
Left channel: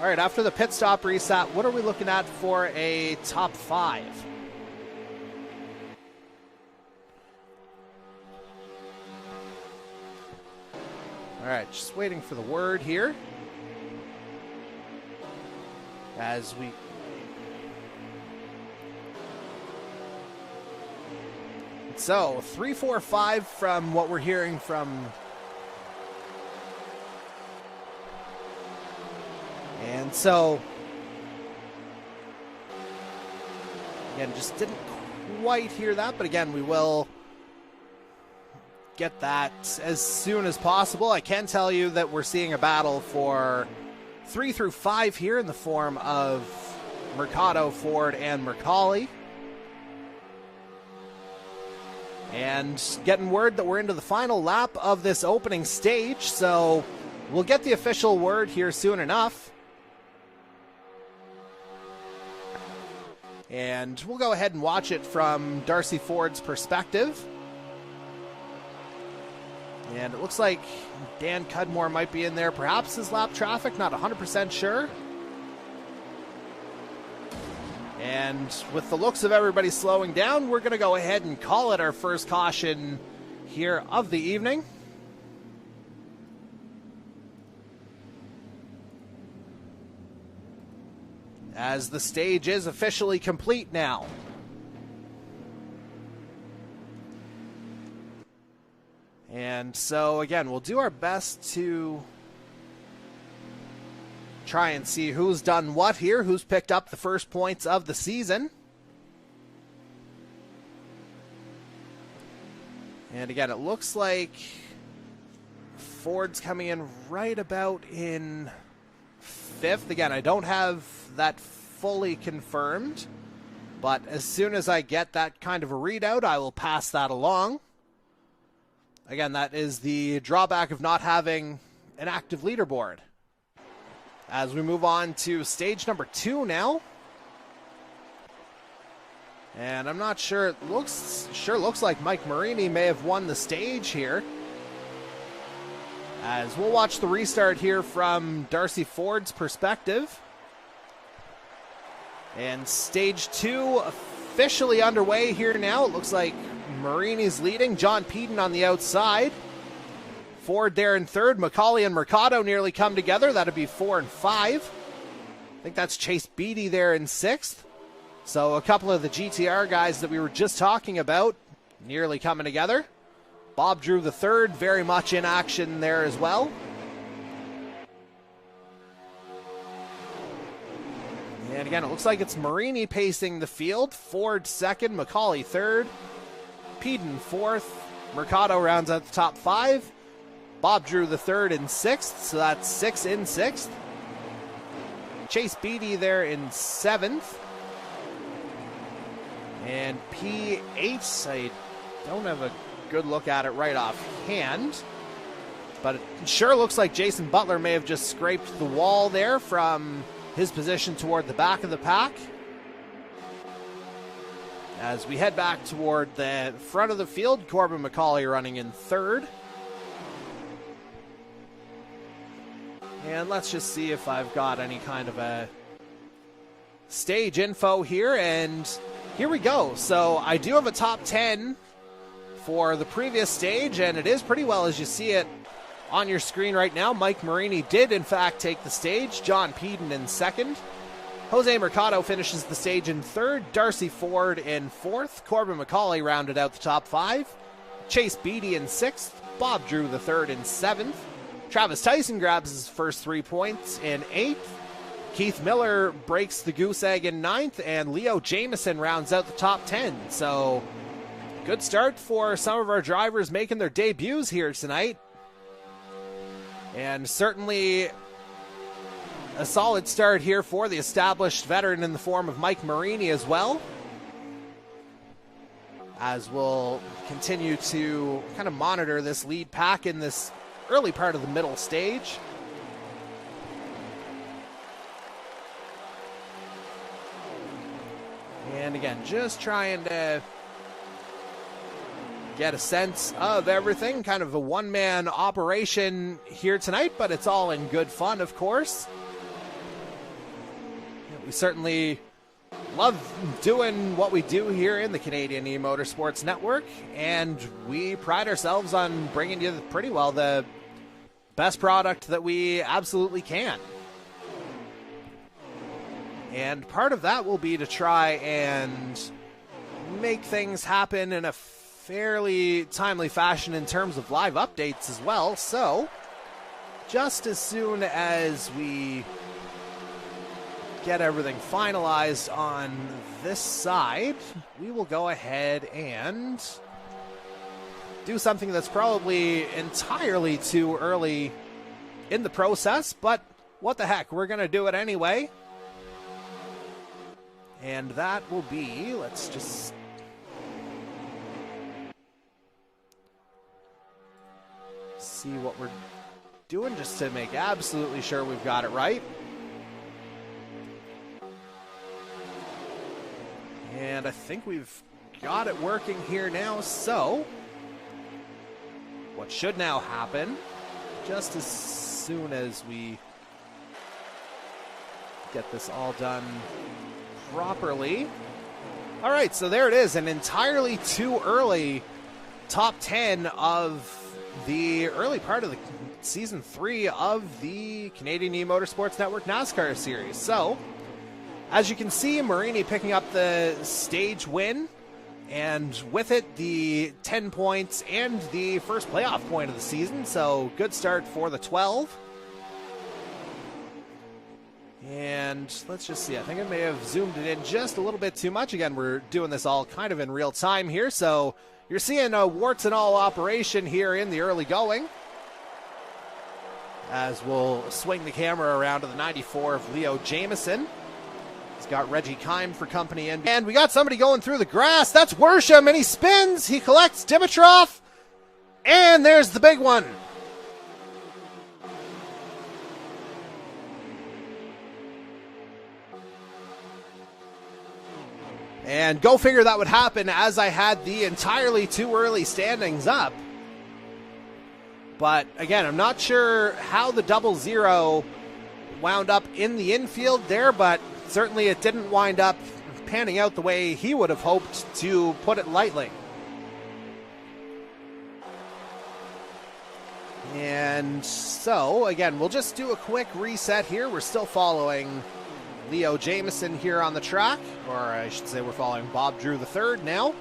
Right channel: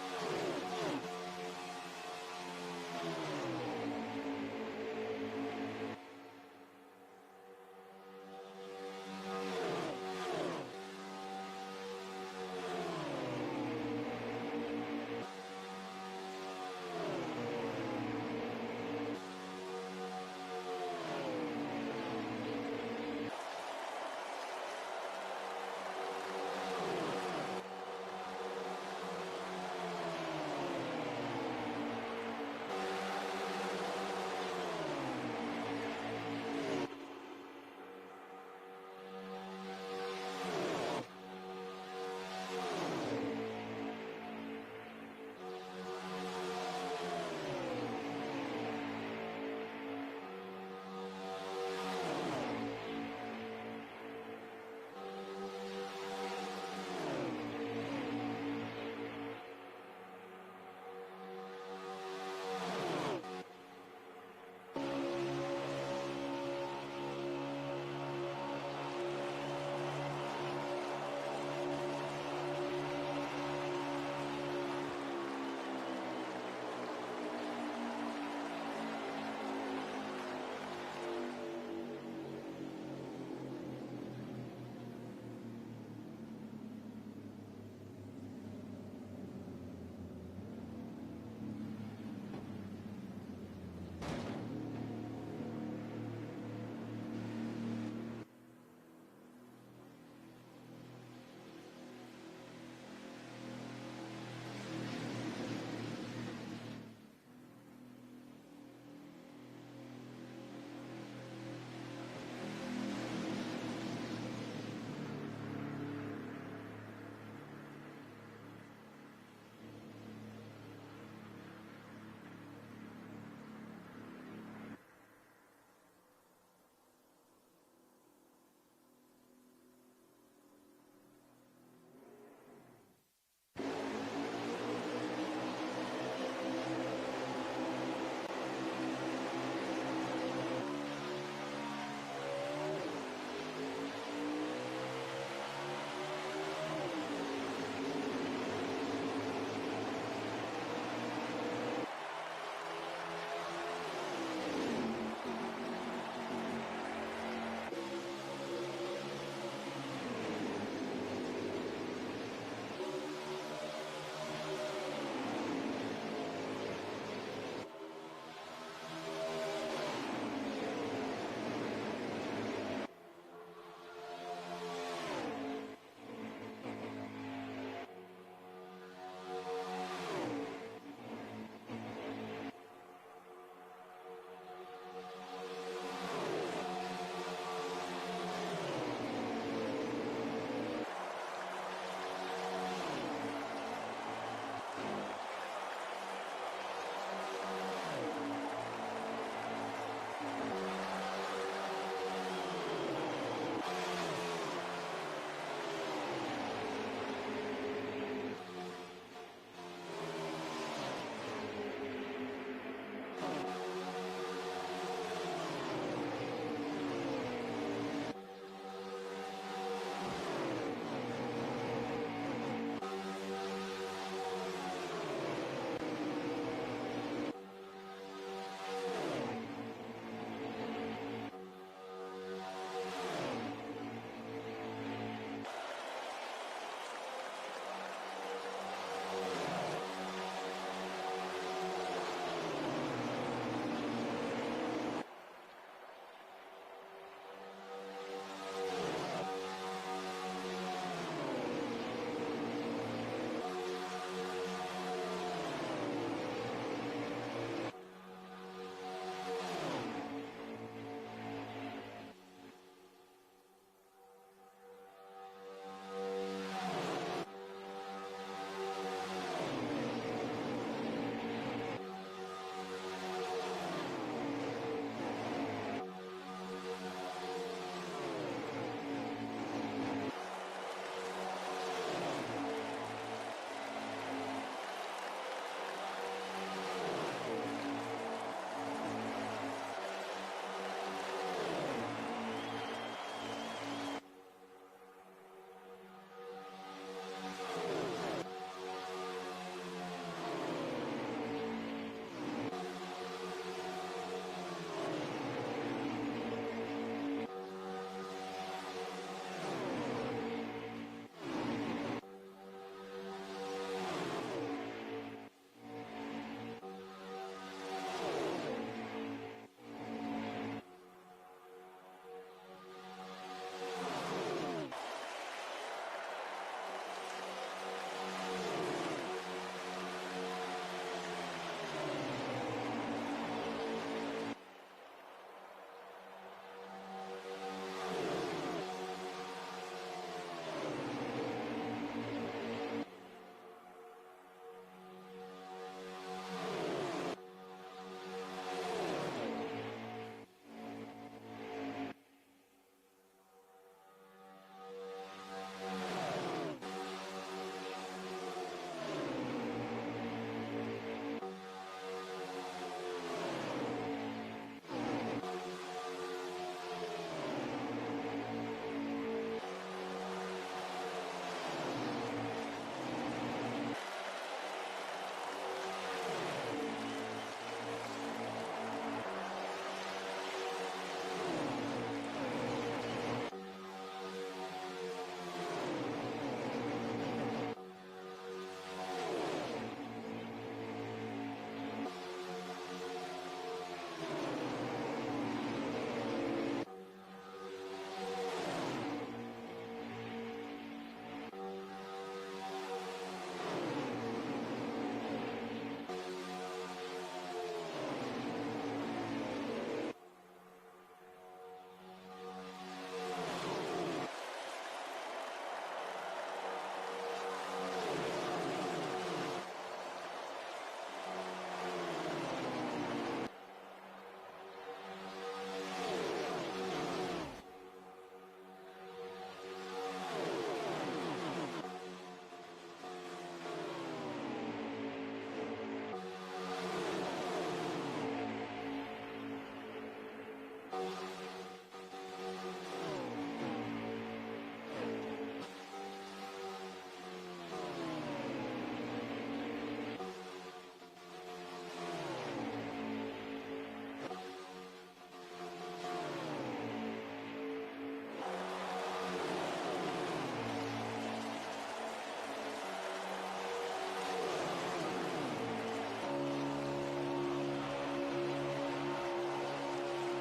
All right, after the pit stop reset, what are we looking at for a top 5? All right, just waiting for the word here. As we... So, 3, 4, 5 from what we're hearing from... And so... Again, just didn't quite hear that, but again, we will get that as soon as possible. I can tell you that we're seeing a battle for 3 through 5 here in the form of Mercado, Ford, and McCauley. And getting word that we're into the final lap of this opening stage, so we'll get the official word here soon enough. And we'll go ahead and watch it from Darcy Ford's perspective. And it looks like Dan Cudmore might be in there, perhaps his lap traffic, not 100% sure. And with the looks of everybody slowing down, we're going to go ahead and call it our first caution here of the evening. As the stage is officially complete now. And so, again, we'll do our best to try and see who's done what here, who's picked up the first points of the season. And again, it looks like Ford's coming in right about in 5th. Again, I don't have that fully confirmed, but as soon as I get that kind of a readout, I will pass that along. Again, that is the drawback of not having an active leaderboard. As we move on to stage number 2 now. And I'm not sure, it looks like Mike Marini may have won the stage here. As we'll watch the restart here from Darcy Ford's perspective. And stage 2 officially underway here now. It looks like Marini's leading, John Peden on the outside. Ford there in 3rd. McCauley and Mercado nearly come together. That'd be 4 and 5. I think that's Chase Beatty there in 6th. So a couple of the GTR guys that we were just talking about nearly coming together. Bob Drew the 3rd, very much in action there as well. And again, it looks like it's Marini pacing the field. Ford 2nd, McCauley 3rd. Peden 4th. Mercado rounds out the top 5. Bob Drew the 3rd in 6th, so that's 6 in 6th. Chase Beatty there in 7th. And P8, I don't have a good look at it right offhand, but it sure looks like Jason Butler may have just scraped the wall there from his position toward the back of the pack. As we head back toward the front of the field, Corbin McCauley running in 3rd. And let's just see if I've got any kind of a stage info here, and here we go. So I do have a top 10 for the previous stage, and it is pretty well as you see it on your screen right now. Mike Marini did in fact take the stage. John Peden in 2nd. Jose Mercado finishes the stage in 3rd. Darcy Ford in 4th. Corbin McCauley rounded out the top 5. Chase Beatty in 6th. Bob Drew the 3rd in 7th. Travis Tyson grabs his first 3 points in 8th. Keith Miller breaks the goose egg in 9th, and Leo Jamieson rounds out the top 10. So, good start for some of our drivers making their debuts here tonight. And certainly a solid start here for the established veteran in the form of Mike Marini as well, as we'll continue to kind of monitor this lead pack in this early part of the middle stage. And again, just trying to get a sense of everything, kind of a one-man operation here tonight, but it's all in good fun, of course. We certainly love doing what we do here in the Canadian eMotorsports Network, and we pride ourselves on bringing you pretty well the best product that we absolutely can. And part of that will be to try and make things happen in a fairly timely fashion in terms of live updates as well. So just as soon as we get everything finalized on this side, we will go ahead and do something that's probably entirely too early in the process, but what the heck, we're going to do it anyway. And that will be, let's just see what we're doing just to make absolutely sure we've got it right. And I think we've got it working here now, so what should now happen, just as soon as we get this all done properly. All right, so there it is, an entirely too early top 10 of the early part of the season 3 of the Canadian eMotorsports Network NASCAR series. So, as you can see, Marini picking up the stage win, and with it, the 10 points and the first playoff point of the season. So, good start for the 12. And let's just see, I think I may have zoomed it in just a little bit too much. Again, we're doing this all kind of in real time here, so you're seeing a warts and all operation here in the early going, as we'll swing the camera around to the 94 of Leo Jamieson. He's got Reggie Kime for company in. And we got somebody going through the grass. That's Worsham, and he spins. He collects Dimitrov. And there's the big one. And go figure that would happen as I had the entirely too early standings up. But again, I'm not sure how the 00 wound up in the infield there, but certainly it didn't wind up panning out the way he would have hoped, to put it lightly. And so, again, we'll just do a quick reset here. We're still following Leo Jamieson here on the track, or I should say we're following Bob Drew III now.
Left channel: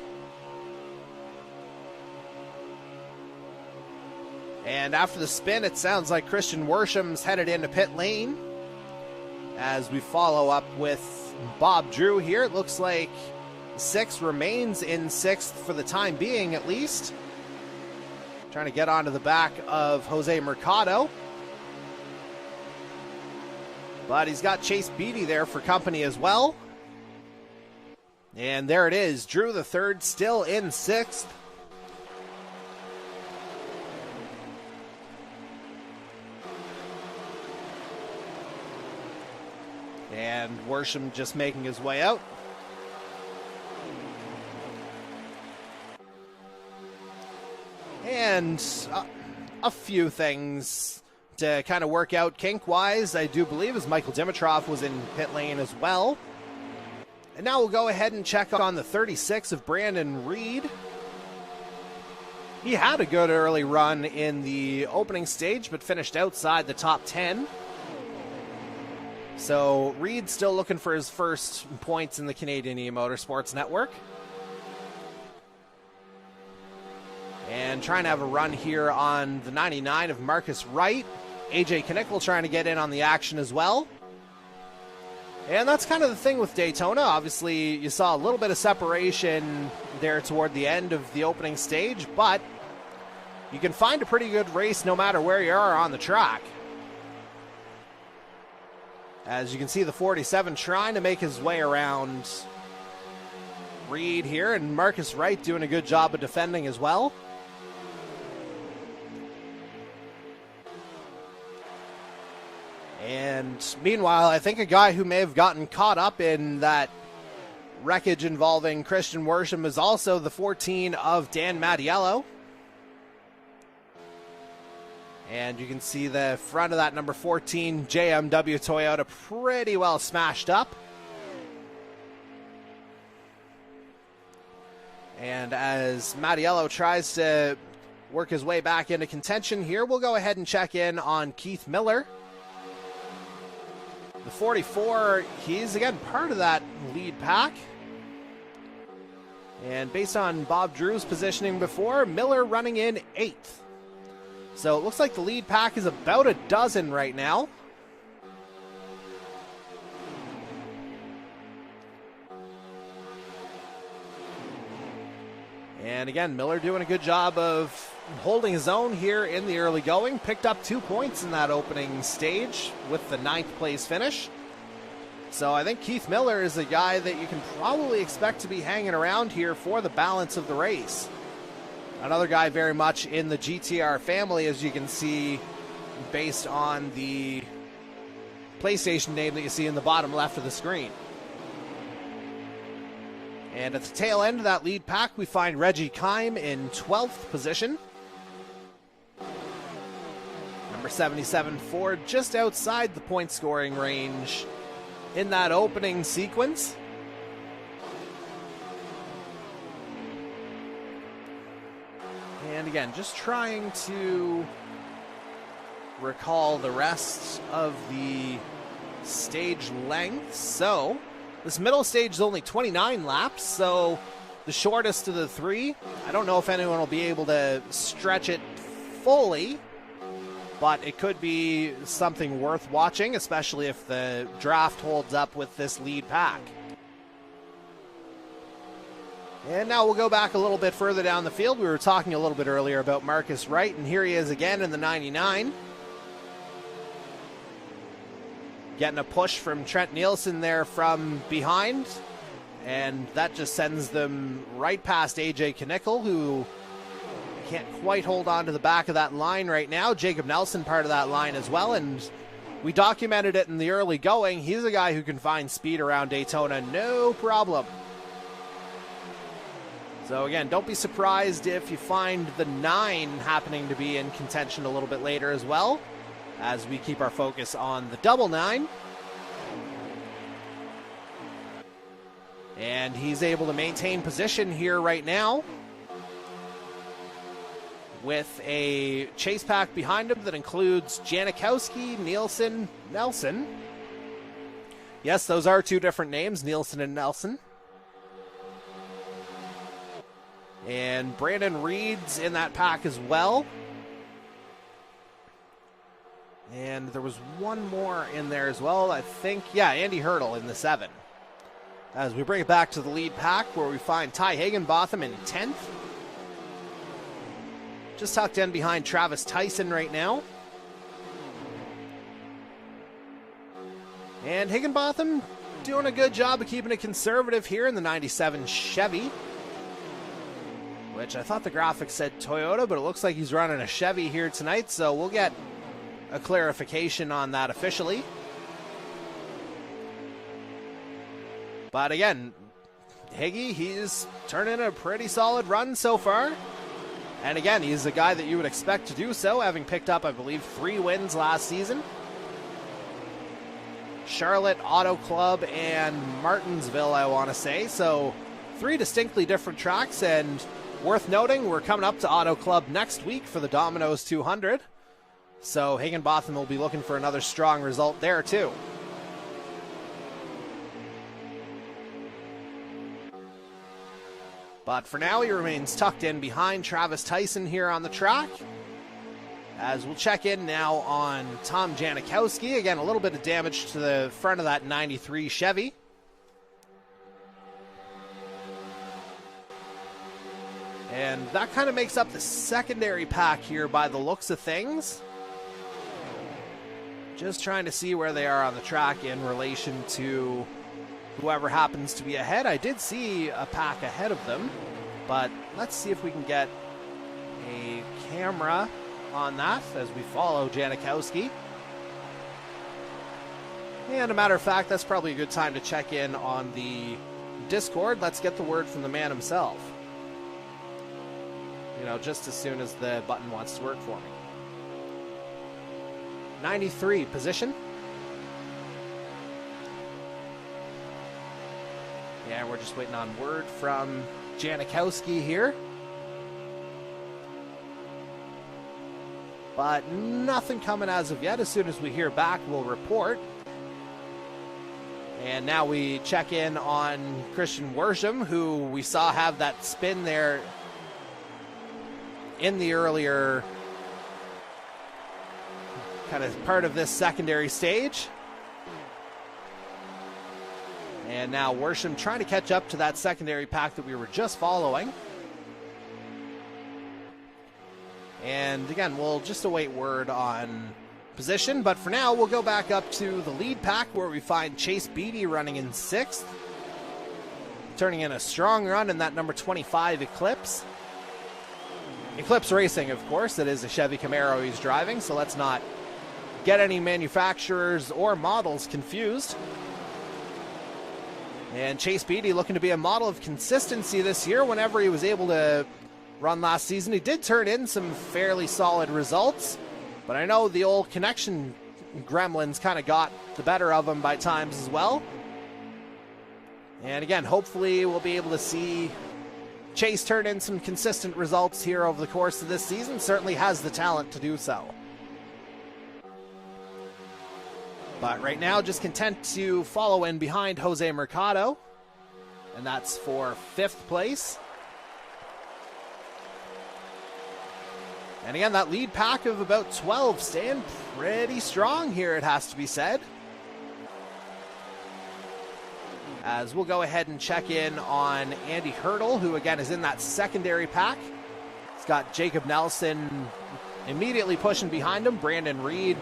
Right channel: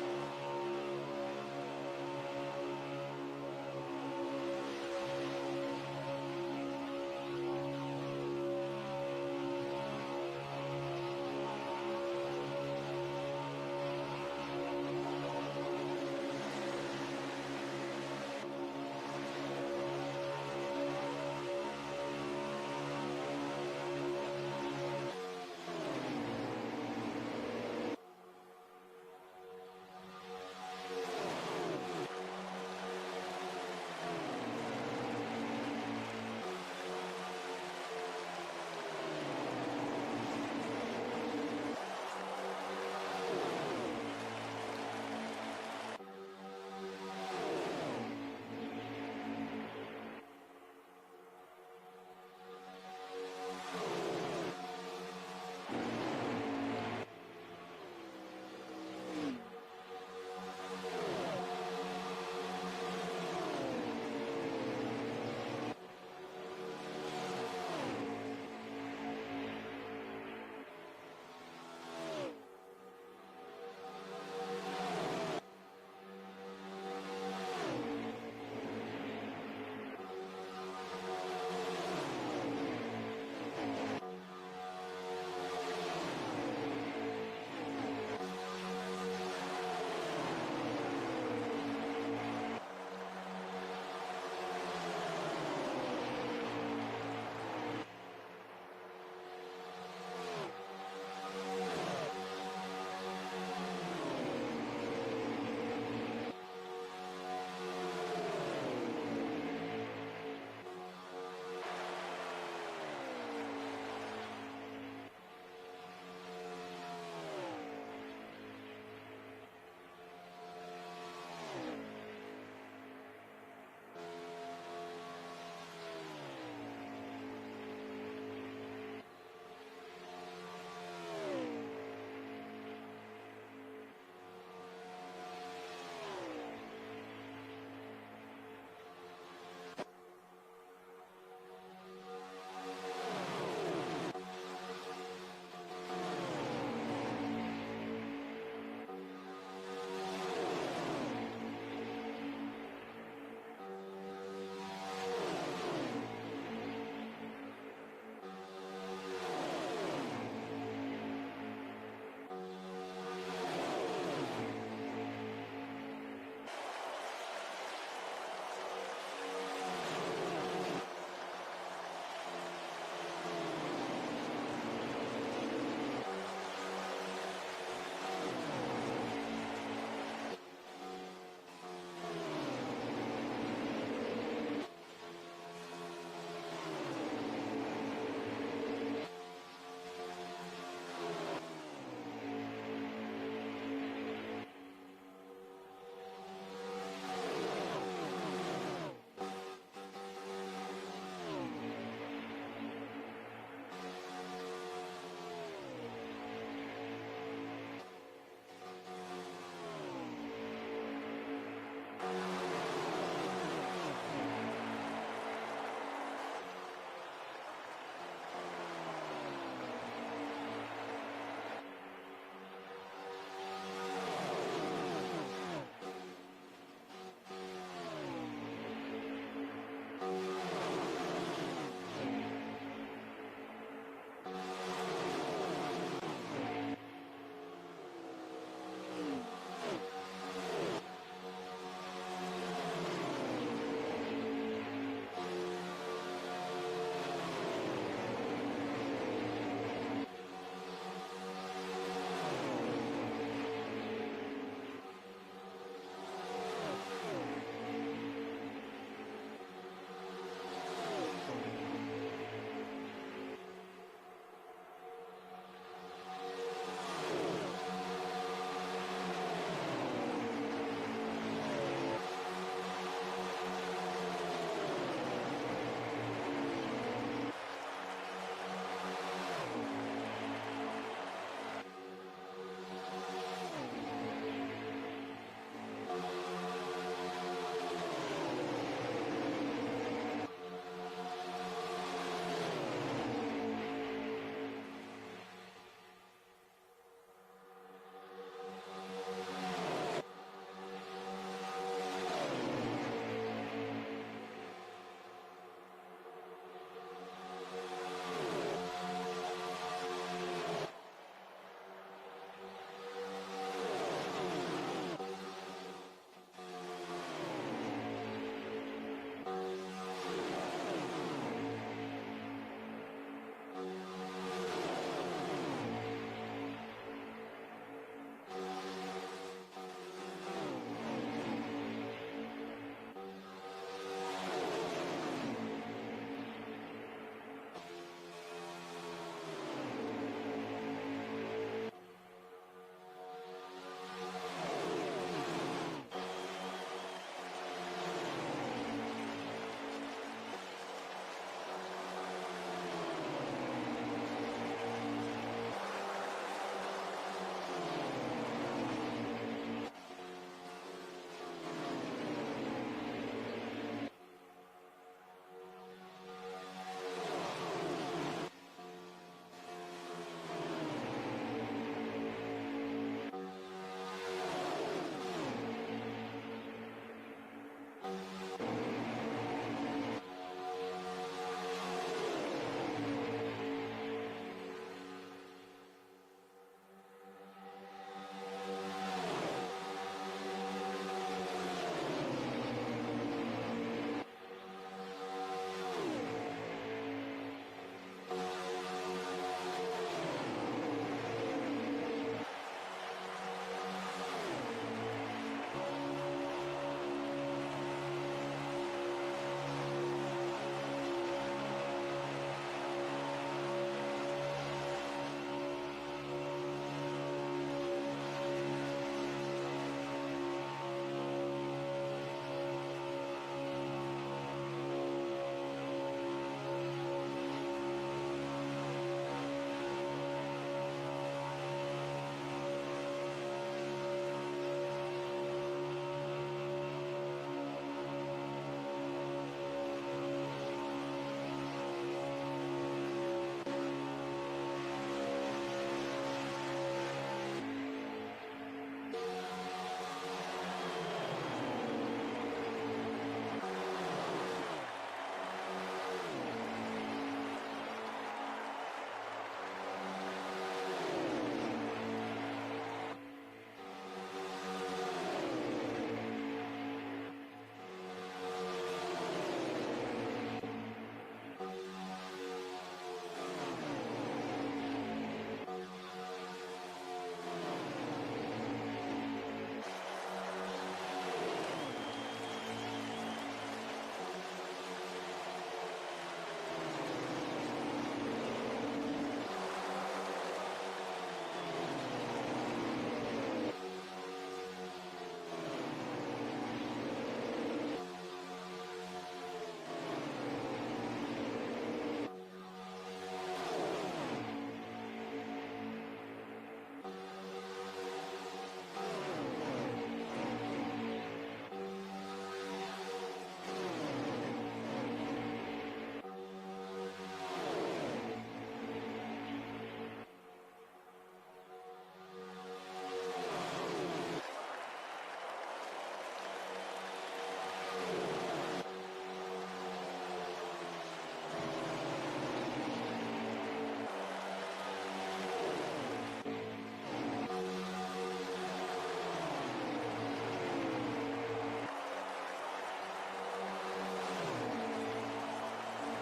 And after the spin, it sounds like Christian Worsham's headed into pit lane as we follow up with Bob Drew here. It looks like 6 remains in 6th for the time being, at least. Trying to get onto the back of Jose Mercado. But he's got Chase Beatty there for company as well. And there it is, Drew III still in 6th. And Worsham just making his way out. And a few things to kind of work out kink-wise, I do believe, as Michael Dimitrov was in pit lane as well. And now we'll go ahead and check on the 36 of Brandon Reed. He had a good early run in the opening stage, but finished outside the top 10. So Reed still looking for his first points in the Canadian eMotorsports Network. And trying to have a run here on the 99 of Marcus Wright. AJ Knickel trying to get in on the action as well. And that's kind of the thing with Daytona. Obviously, you saw a little bit of separation there toward the end of the opening stage, but you can find a pretty good race no matter where you are on the track. As you can see, the 47 trying to make his way around Reed here, and Marcus Wright doing a good job of defending as well. And meanwhile, I think a guy who may have gotten caught up in that wreckage involving Christian Worsham is also the 14 of Dan Mattiello. And you can see the front of that number 14 JMW Toyota pretty well smashed up. And as Mattiello tries to work his way back into contention here, we'll go ahead and check in on Keith Miller. The 44, he's again part of that lead pack. And based on Bob Drew's positioning before, Miller running in 8th. So it looks like the lead pack is about a dozen right now. And again, Miller doing a good job of holding his own here in the early going. Picked up 2 points in that opening stage with the 9th place finish. So I think Keith Miller is a guy that you can probably expect to be hanging around here for the balance of the race. Another guy very much in the GTR family, as you can see, based on the PlayStation name that you see in the bottom left of the screen. And at the tail end of that lead pack, we find Reggie Kime in 12th position. Number 77 Ford just outside the point scoring range in that opening sequence. And again, just trying to recall the rest of the stage length. So this middle stage is only 29 laps, so the shortest of the 3. I don't know if anyone will be able to stretch it fully, but it could be something worth watching, especially if the draft holds up with this lead pack. And now we'll go back a little bit further down the field. We were talking a little bit earlier about Marcus Wright, and here he is again in the 99. Getting a push from Trent Nielsen there from behind, and that just sends them right past AJ Knickel, who can't quite hold on to the back of that line right now. Jacob Nelson part of that line as well, and we documented it in the early going. He's a guy who can find speed around Daytona, no problem. So again, don't be surprised if you find the 9 happening to be in contention a little bit later as well, as we keep our focus on the double 9. And he's able to maintain position here right now with a chase pack behind him that includes Janikowski, Nielsen, Nelson. Yes, those are 2 different names, Nielsen and Nelson. And Brandon Reed's in that pack as well. And there was one more in there as well, I think. Yeah, Andy Hurdle in the 7. As we bring it back to the lead pack, where we find Ty Higginbotham in 10th. Just tucked in behind Travis Tyson right now. And Higginbotham doing a good job of keeping it conservative here in the 97 Chevy, which I thought the graphics said Toyota, but it looks like he's running a Chevy here tonight, so we'll get a clarification on that officially. But again, Higgy, he's turning a pretty solid run so far. And again, he's a guy that you would expect to do so, having picked up, I believe, 3 wins last season. Charlotte, Auto Club, and Martinsville, I want to say. So 3 distinctly different tracks, and worth noting, we're coming up to Auto Club next week for the Domino's 200. So Higginbotham will be looking for another strong result there too. But for now, he remains tucked in behind Travis Tyson here on the track. As we'll check in now on Tom Janikowski. Again, a little bit of damage to the front of that 93 Chevy. And that kind of makes up the secondary pack here by the looks of things. Just trying to see where they are on the track in relation to whoever happens to be ahead. I did see a pack ahead of them, but let's see if we can get a camera on that as we follow Janikowski. And a matter of fact, that's probably a good time to check in on the Discord. Let's get the word from the man himself. You know, just as soon as the button wants to work for him. 93 position. Yeah, we're just waiting on word from Janikowski here. But nothing coming as of yet. As soon as we hear back, we'll report. And now we check in on Christian Worsham, who we saw have that spin there in the earlier kind of part of this secondary stage. And now Worsham trying to catch up to that secondary pack that we were just following. And again, we'll just await word on position, but for now, we'll go back up to the lead pack where we find Chase Beatty running in 6th. Turning in a strong run in that number 25 Eclipse. Eclipse Racing, of course, it is a Chevy Camaro he's driving, so let's not get any manufacturers or models confused. And Chase Beatty looking to be a model of consistency this year. Whenever he was able to run last season, he did turn in some fairly solid results, but I know the old connection gremlins kind of got the better of him by times as well. And again, hopefully we'll be able to see Chase turn in some consistent results here over the course of this season. Certainly has the talent to do so. But right now, just content to follow in behind Jose Mercado, and that's for 5th place. And again, that lead pack of about 12 staying pretty strong here, it has to be said. As we'll go ahead and check in on Andy Hurdle, who again is in that secondary pack. He's got Jacob Nelson immediately pushing behind him. Brandon Reed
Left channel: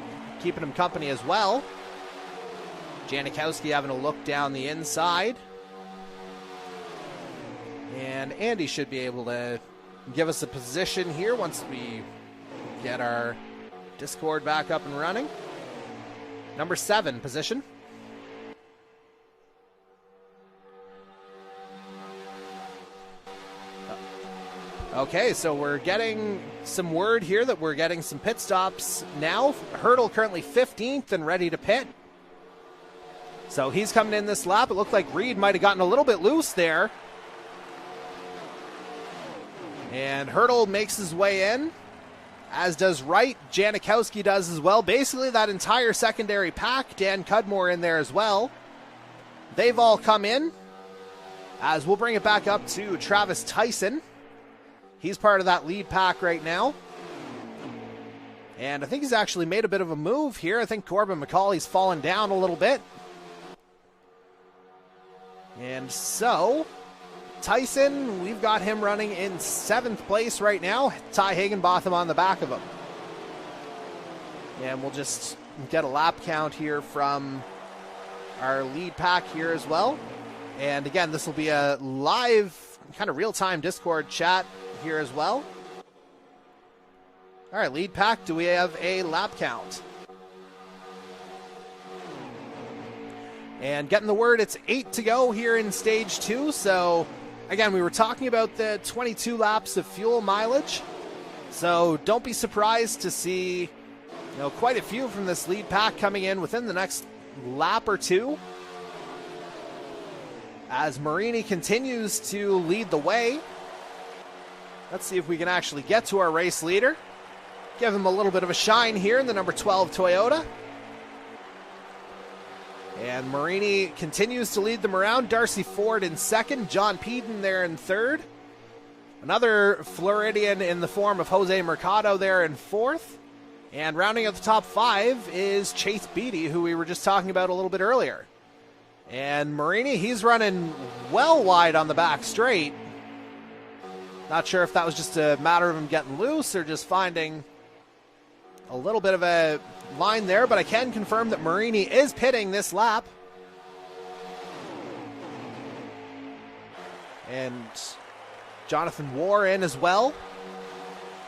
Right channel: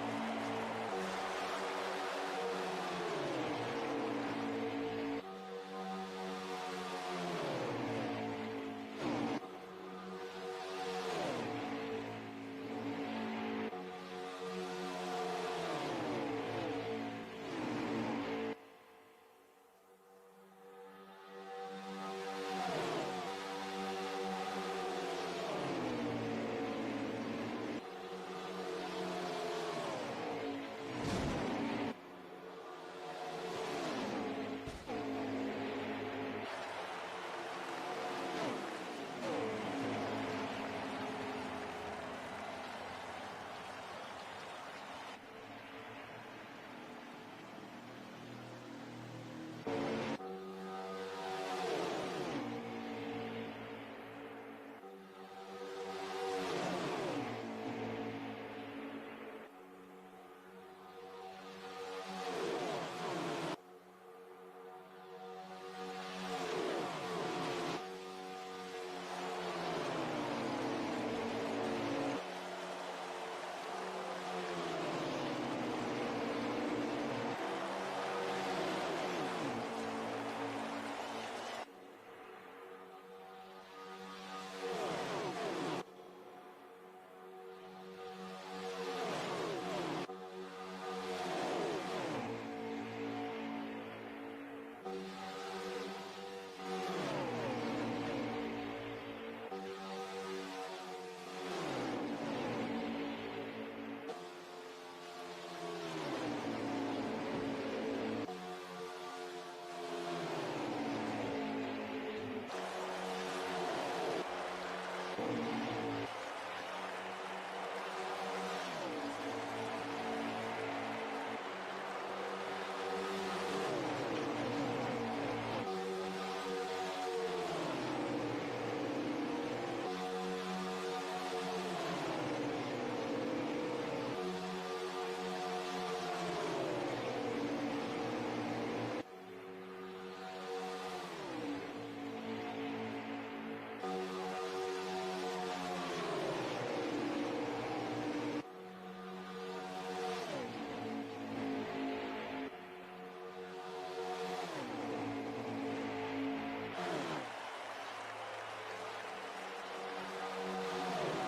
keeping him company as well. Janikowski having a look down the inside. And Andy should be able to give us a position here once we get our Discord back up and running. Number 7 position. Okay, so we're getting some word here that we're getting some pit stops now. Hurdle currently 15th and ready to pit. So he's coming in this lap. It looked like Reed might have gotten a little bit loose there. And Hurdle makes his way in, as does Wright. Janikowski does as well. Basically that entire secondary pack. Dan Cudmore in there as well. They've all come in. As we'll bring it back up to Travis Tyson. He's part of that lead pack right now. And I think he's actually made a bit of a move here. I think Corbin McCauley's fallen down a little bit. And so, Tyson, we've got him running in 7th place right now. Ty Higginbotham on the back of him. And we'll just get a lap count here from our lead pack here as well. And again, this will be a live, kind of real-time Discord chat here as well. All right, lead pack, do we have a lap count? And getting the word, it's 8 to go here in stage 2. So again, we were talking about the 22 laps of fuel mileage. So don't be surprised to see, quite a few from this lead pack coming in within the next lap or two. As Marini continues to lead the way. Let's see if we can actually get to our race leader. Give him a little bit of a shine here in the number 12 Toyota. And Marini continues to lead them around. Darcy Ford in 2nd. John Peden there in 3rd. Another Floridian in the form of Jose Mercado there in 4th. And rounding out the top 5 is Chase Beatty, who we were just talking about a little bit earlier. And Marini, he's running well wide on the back straight. Not sure if that was just a matter of him getting loose or just finding a little bit of a line there, but I can confirm that Marini is pitting this lap. And Jonathan War in as well.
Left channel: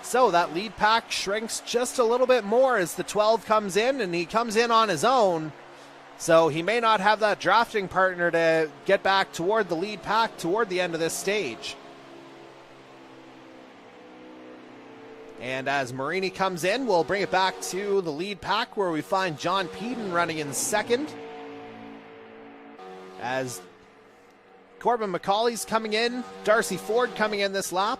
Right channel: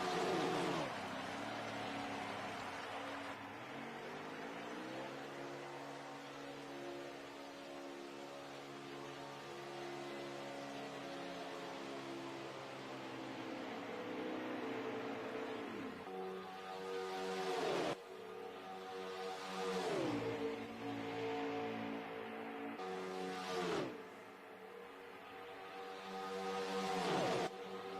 So that lead pack shrinks just a little bit more as the 12 comes in, and he comes in on his own. So he may not have that drafting partner to get back toward the lead pack toward the end of this stage. And as Marini comes in, we'll bring it back to the lead pack where we find John Peden running in 2nd. As Corbin McCauley's coming in, Darcy Ford coming in this lap.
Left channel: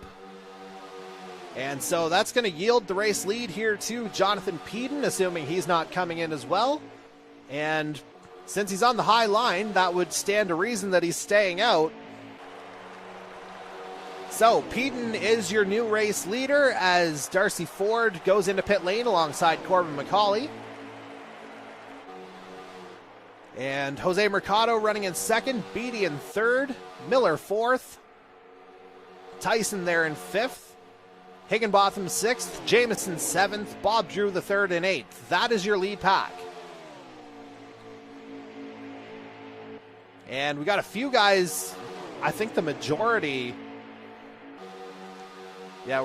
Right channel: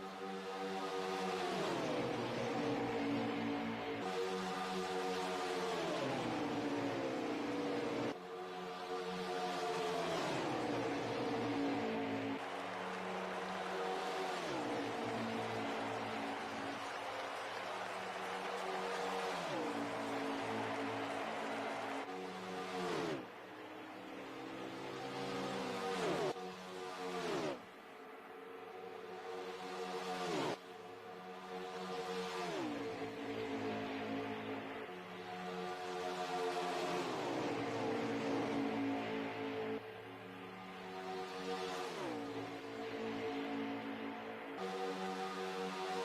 And so that's going to yield the race lead here to Jonathan Peden, assuming he's not coming in as well. And since he's on the high line, that would stand to reason that he's staying out. So Peden is your new race leader as Darcy Ford goes into pit lane alongside Corbin McCauley. And Jose Mercado running in 2nd, Beatty in 3rd, Miller 4th, Tyson there in 5th, Higginbotham 6th, Jameson 7th, Bob Drew the 3rd and 8th. That is your lead pack. And we got a few guys, I think the majority. Yeah,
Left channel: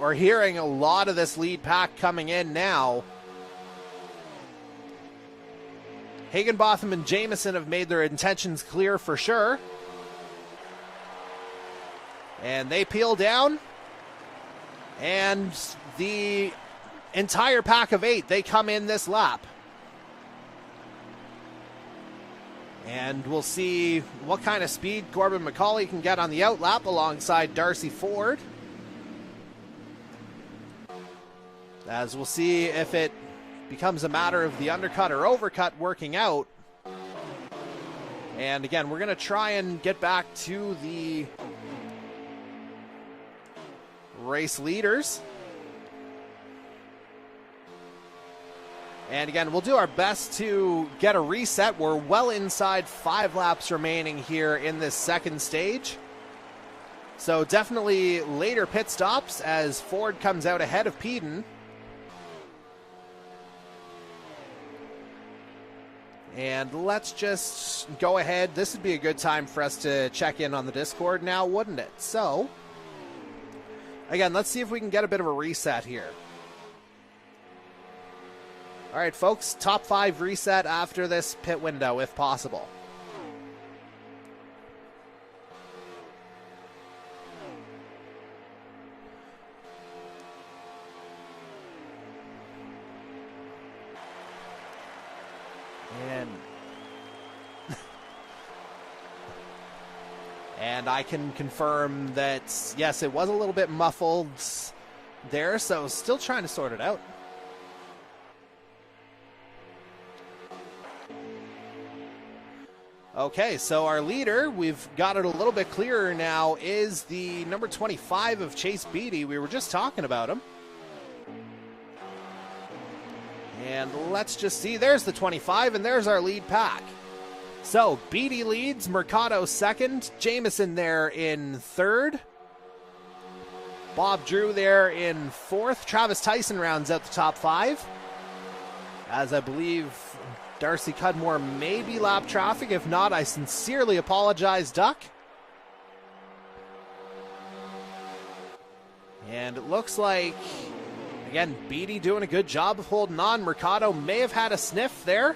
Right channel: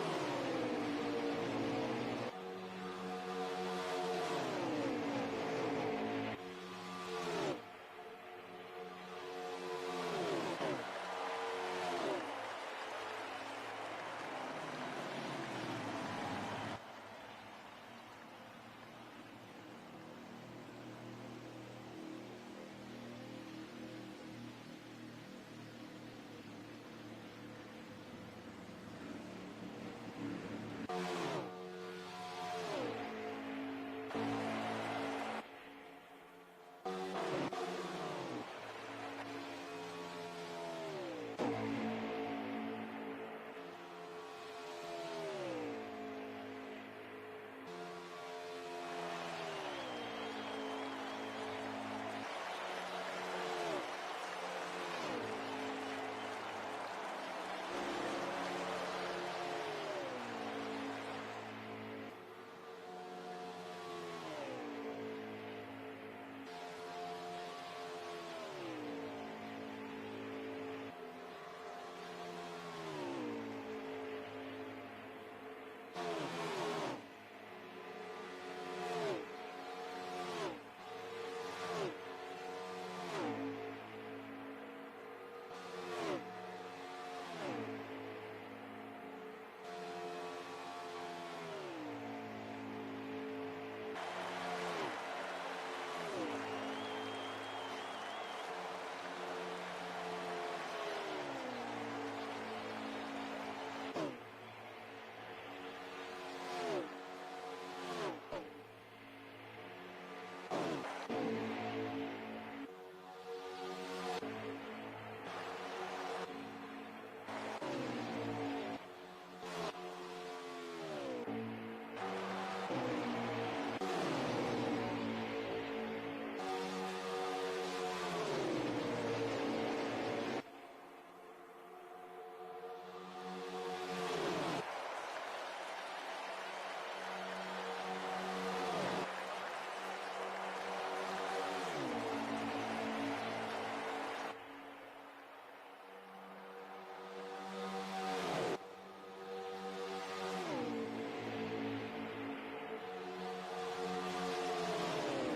we're hearing a lot of this lead pack coming in now. Higginbotham and Jameson have made their intentions clear for sure. And they peel down. And the entire pack of 8, they come in this lap. And we'll see what kind of speed Corbin McCauley can get on the out lap alongside Darcy Ford. As we'll see if it becomes a matter of the undercut or overcut working out. And again, we're going to try and get back to the race leaders. And again, we'll do our best to get a reset. We're well inside 5 laps remaining here in this 2nd stage. So definitely later pit stops as Ford comes out ahead of Peden. And let's just go ahead. This would be a good time for us to check in on the Discord now, wouldn't it? So, again, let's see if we can get a bit of a reset here. All right, folks, top 5 reset after this pit window, if possible. And I can confirm that, yes, it was a little bit muffled there, so still trying to sort it out. Okay, so our leader, we've got it a little bit clearer now, is the number 25 of Chase Beatty. We were just talking about him. And let's just see, there's the 25, and there's our lead pack. So, Beatty leads, Mercado 2nd, Jameson there in 3rd, Bob Drew there in 4th, Travis Tyson rounds out the top 5, as I believe Darcy Cudmore may be lap traffic. If not, I sincerely apologize, Duck. And it looks like, again, Beatty doing a good job of holding on. Mercado may have had a sniff there.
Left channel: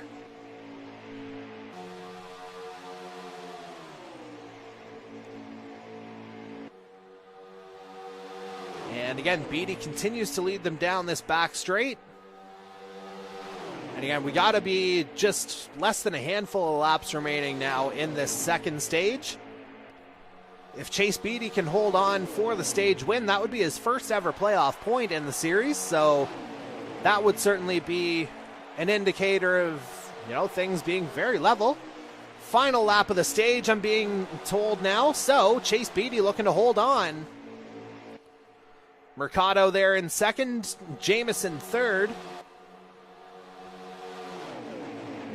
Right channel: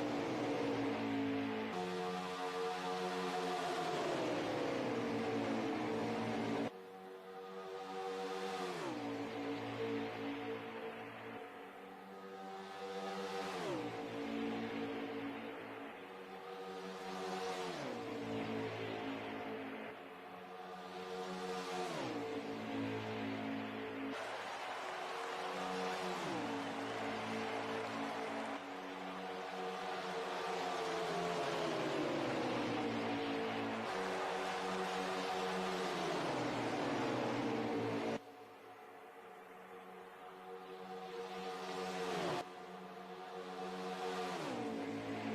And again, Beatty continues to lead them down this back straight. And again, we got to be just less than a handful of laps remaining now in this 2nd stage. If Chase Beatty can hold on for the stage win, that would be his first ever playoff point in the series. So that would certainly be an indicator of, things being very level. Final lap of the stage, I'm being told now. So Chase Beatty looking to hold on Mercado there in second, Jameson third.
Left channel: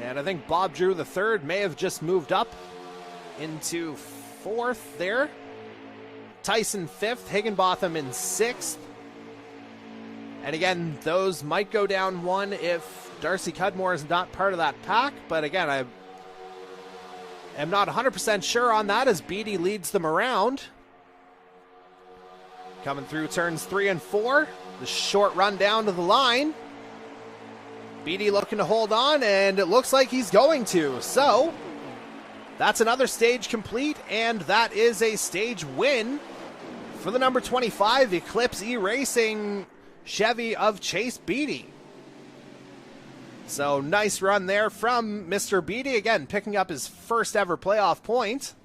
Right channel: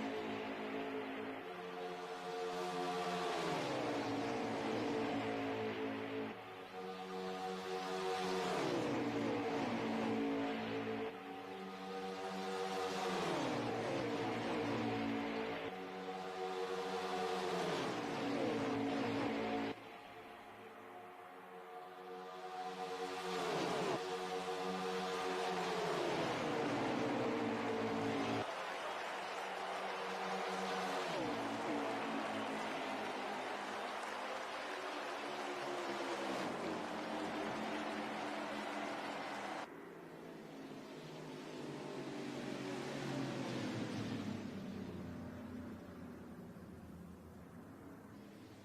And I think Bob Drew the third may have just moved up into fourth there. Tyson fifth, Higginbotham in sixth. And again, those might go down one if Darcy Cudmore is not part of that pack. But again, I am not 100% sure on that as Beatty leads them around. Coming through turns 3 and 4. The short run down to the line. Beatty looking to hold on, and it looks like he's going to. So, that's another stage complete, and that is a stage win for the number 25 Eclipse E-Racing Chevy of Chase Beatty. So, nice run there from Mr. Beatty, again, picking up his first ever playoff point.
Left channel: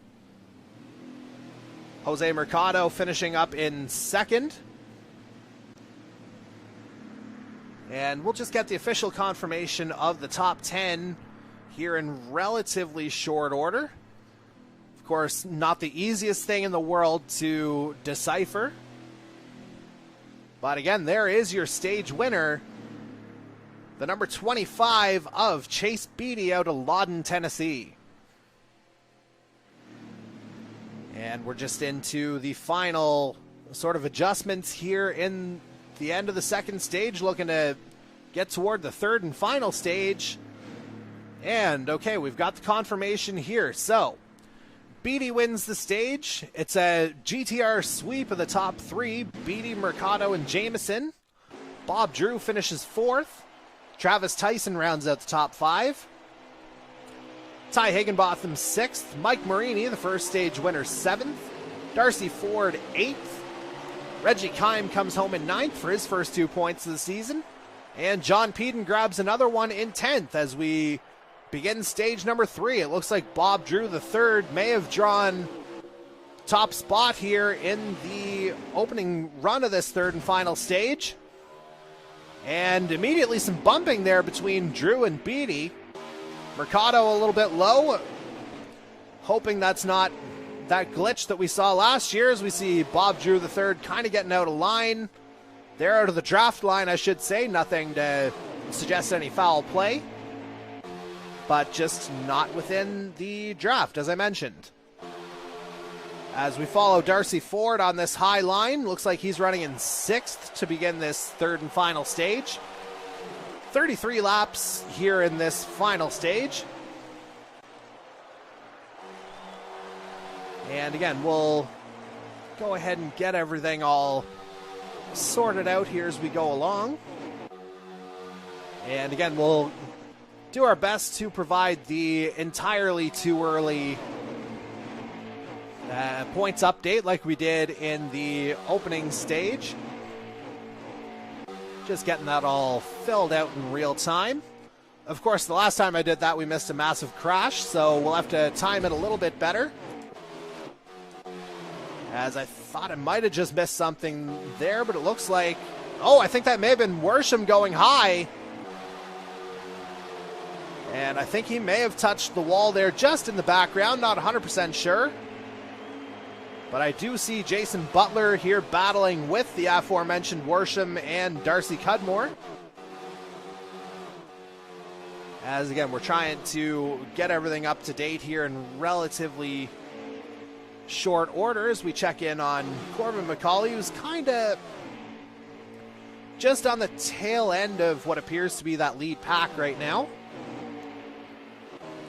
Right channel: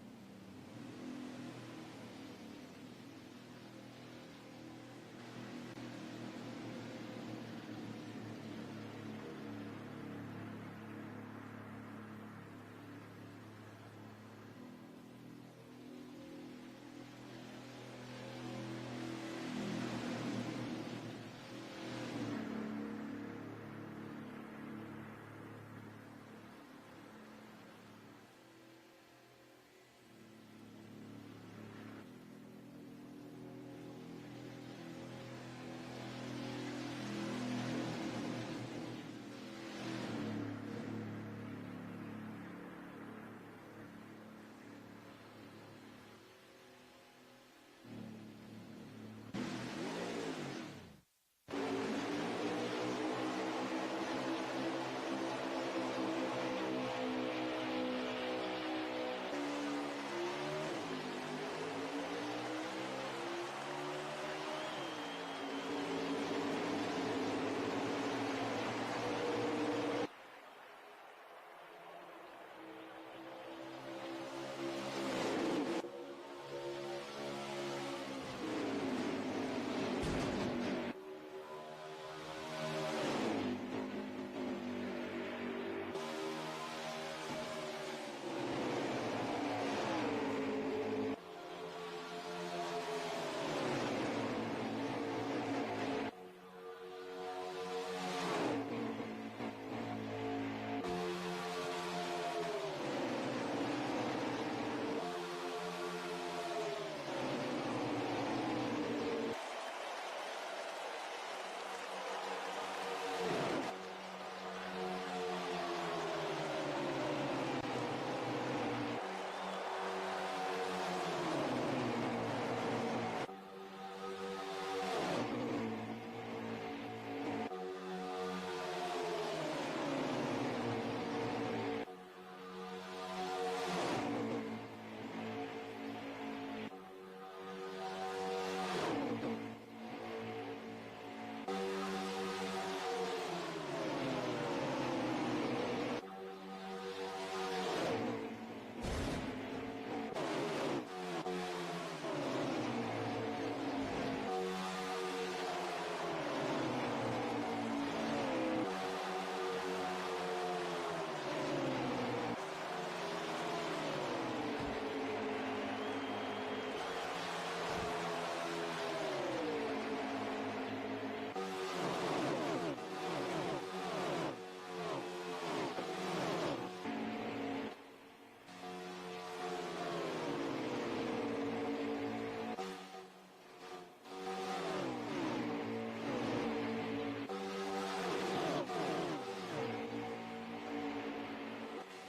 Jose Mercado finishing up in second. And we'll just get the official confirmation of the top 10 here in relatively short order. Of course, not the easiest thing in the world to decipher. But again, there is your stage winner, the number 25 of Chase Beatty out of Lawton, Tennessee. And we're just into the final sort of adjustments here in the end of the second stage, looking to get toward the third and final stage. And okay, we've got the confirmation here. So, Beatty wins the stage. It's a GTR sweep of the top three, Beatty, Mercado, and Jameson. Bob Drew finishes fourth. Travis Tyson rounds out the top five. Ty Higginbotham 6th, Mike Marini, the first stage winner, 7th, Darcy Ford 8th, Reggie Kime comes home in 9th for his first 2 points of the season, and John Peden grabs another one in 10th as we begin stage number 3. It looks like Bob Drew the third may have drawn top spot here in the opening run of this third and final stage, and immediately some bumping there between Drew and Beatty. Mercado a little bit low, hoping that's not that glitch that we saw last year as we see Bob Drew the third kind of getting out of line. They're out of the draft line, I should say. Nothing to suggest any foul play, but just not within the draft, as I mentioned. As we follow Darcy Ford on this high line, looks like he's running in 6th to begin this third and final stage. 33 laps here in this final stage. And again, we'll go ahead and get everything all sorted out here as we go along. And again, we'll do our best to provide the entirely too early points update like we did in the opening stage. Just getting that all filled out in real time. Of course, the last time I did that, we missed a massive crash, so we'll have to time it a little bit better. As I thought I might have just missed something there, but it looks like... Oh, I think that may have been Worsham going high. And I think he may have touched the wall there just in the background, not 100% sure. But I do see Jason Butler here battling with the aforementioned Worsham and Darcy Cudmore. As again, we're trying to get everything up to date here in relatively short order as we check in on Corbin McCauley, who's kind of just on the tail end of what appears to be that lead pack right now.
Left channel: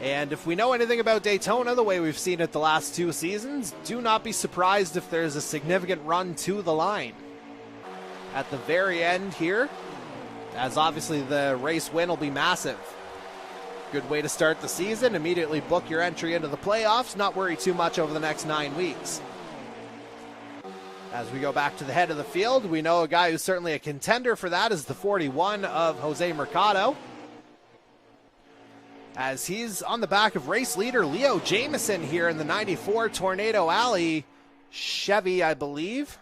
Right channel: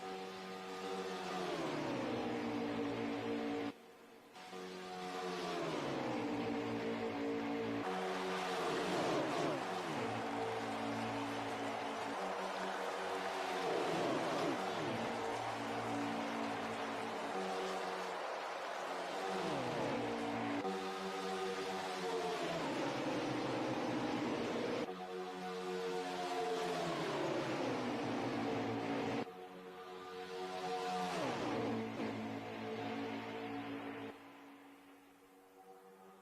And if we know anything about Daytona, the way we've seen it the last 2 seasons, do not be surprised if there's a significant run to the line at the very end here, as obviously the race win will be massive. Good way to start the season, immediately book your entry into the playoffs, not worry too much over the next 9 weeks. As we go back to the head of the field, we know a guy who's certainly a contender for that is the 41 of Jose Mercado, as he's on the back of race leader Leo Jameson here in the 94 Tornado Alley Chevy, I believe,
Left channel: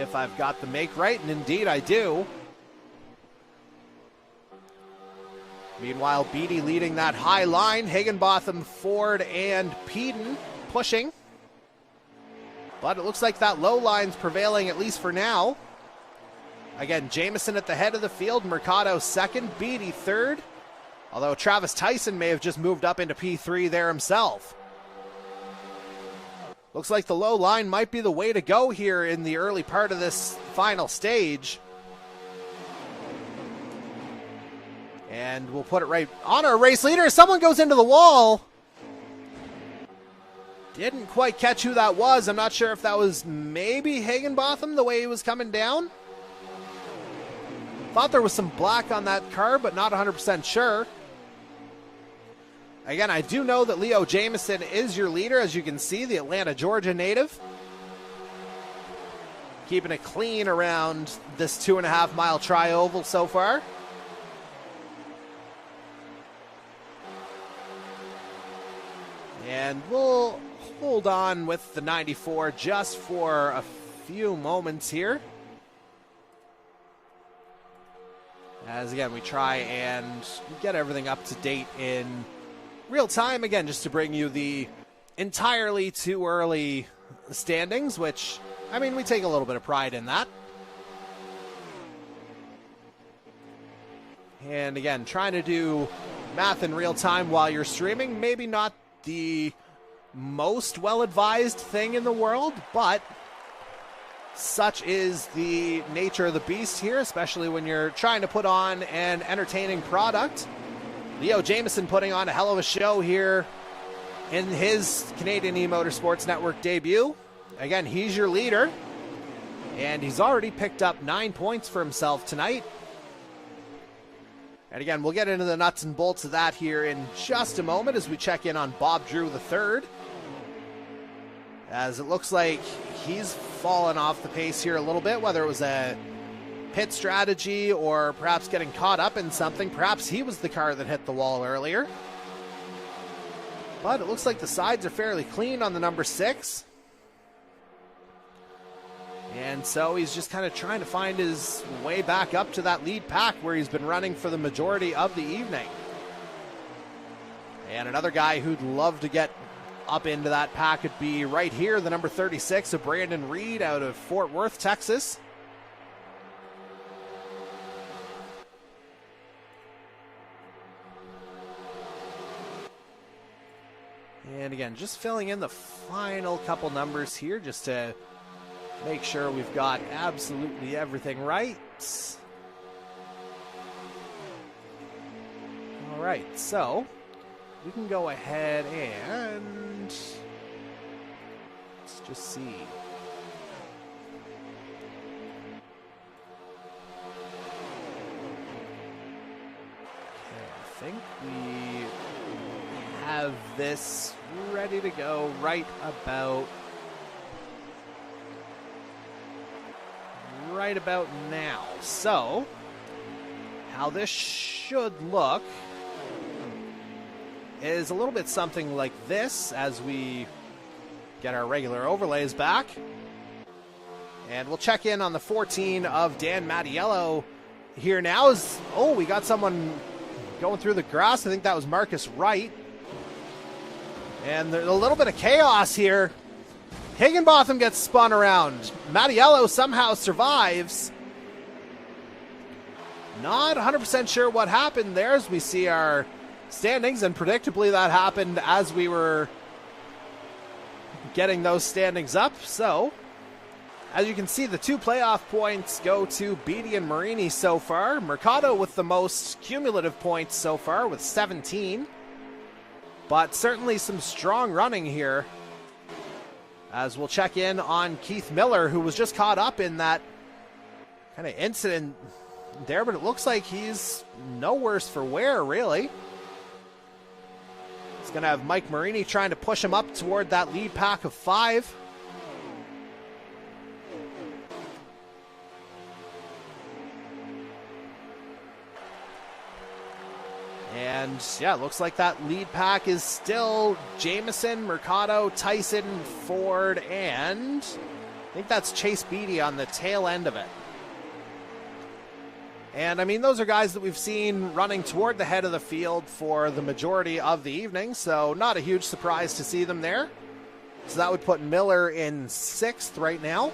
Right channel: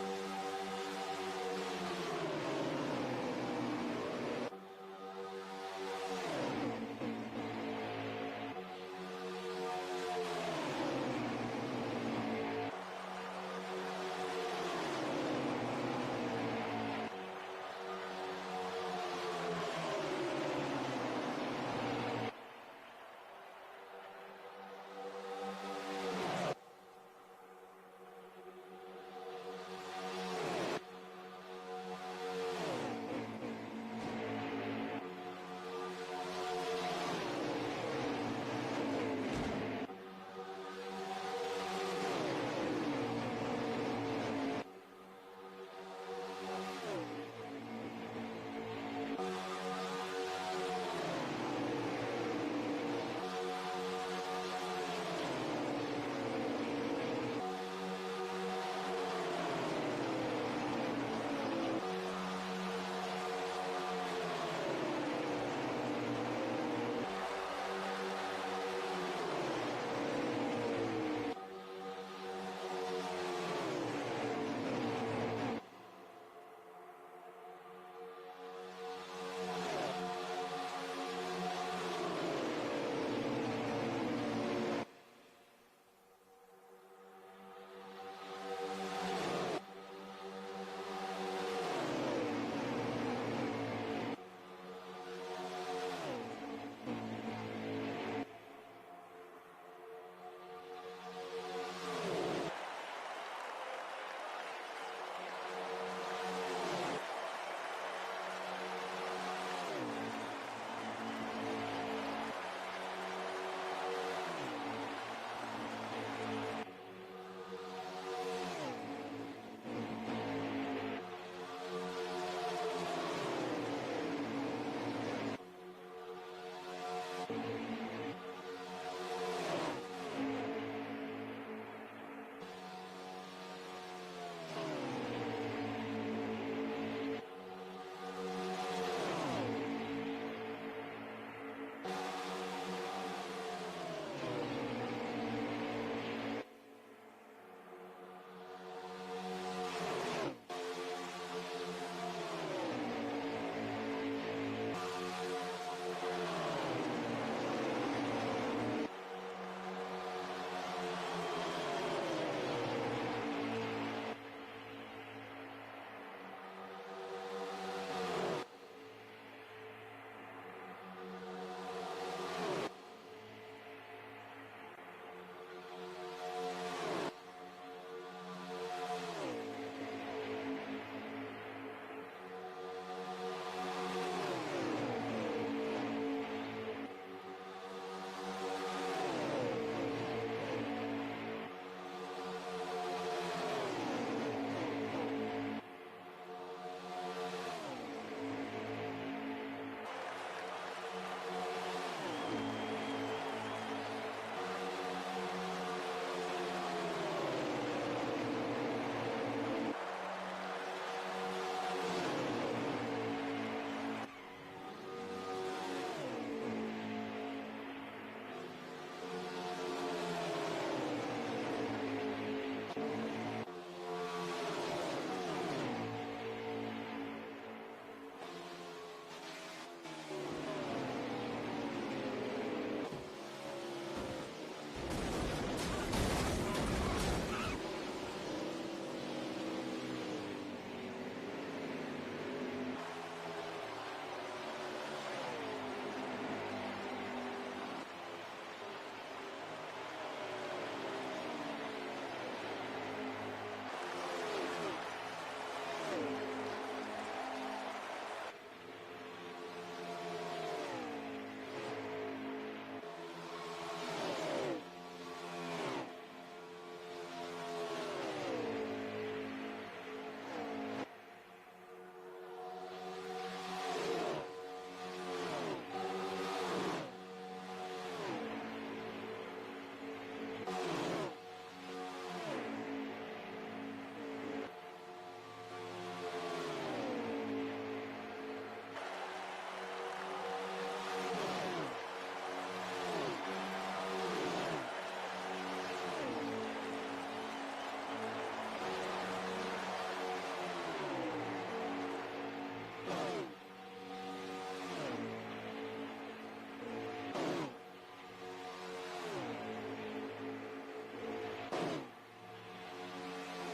if I've got the make right, and indeed I do. Meanwhile, Beatty leading that high line, Higginbotham, Ford, and Peden pushing. But it looks like that low line's prevailing, at least for now. Again, Jamieson at the head of the field, Mercado second, Beatty third. Although Travis Tyson may have just moved up into P3 there himself. Looks like the low line might be the way to go here in the early part of this final stage. And we'll put it right on our race leader. Someone goes into the wall. Didn't quite catch who that was. I'm not sure if that was maybe Higginbotham, the way he was coming down. Thought there was some black on that car, but not 100% sure. Again, I do know that Leo Jamieson is your leader, as you can see, the Atlanta, Georgia native. Keeping it clean around this 2.5 mile tri-oval so far. And we'll hold on with the 94 just for a few moments here. As again, we try and get everything up to date in real time, again, just to bring you the entirely too early standings, which, I mean, we take a little bit of pride in that. And again, trying to do math in real time while you're streaming, maybe not the most well-advised thing in the world, but such is the nature of the beast here, especially when you're trying to put on an entertaining product. Leo Jamieson putting on a hell of a show here in his Canadian eMotorsports Network debut. Again, he's your leader, and he's already picked up 9 points for himself tonight. And again, we'll get into the nuts and bolts of that here in just a moment as we check in on Bob Drew III. As it looks like he's fallen off the pace here a little bit, whether it was a pit strategy or perhaps getting caught up in something. Perhaps he was the car that hit the wall earlier. But it looks like the sides are fairly clean on the number 6. And so he's just kind of trying to find his way back up to that lead pack where he's been running for the majority of the evening. And another guy who'd love to get up into that pack would be right here, the number 36 of Brandon Reed out of Fort Worth, Texas. And again, just filling in the final couple numbers here just to make sure we've got absolutely everything right. All right, so we can go ahead and let's just see. I think we have this ready to go right about now. So how this should look is a little bit something like this as we get our regular overlays back. And we'll check in on the 14 of Dan Mattiello here now. Oh, we got someone going through the grass. I think that was Marcus Wright. And there's a little bit of chaos here. Higginbotham gets spun around. Mattiello somehow survives. Not 100% sure what happened there as we see our standings, and predictably that happened as we were getting those standings up. So, as you can see, the 2 playoff points go to Beatty and Marini so far. Mercado with the most cumulative points so far with 17. But certainly some strong running here, as we'll check in on Keith Miller, who was just caught up in that kind of incident there, but it looks like he's no worse for wear, really. He's going to have Mike Marini trying to push him up toward that lead pack of 5. And yeah, it looks like that lead pack is still Jamieson, Mercado, Tyson, Ford, and I think that's Chase Beatty on the tail end of it. And I mean, those are guys that we've seen running toward the head of the field for the majority of the evening, so not a huge surprise to see them there. So that would put Miller in 6th right now.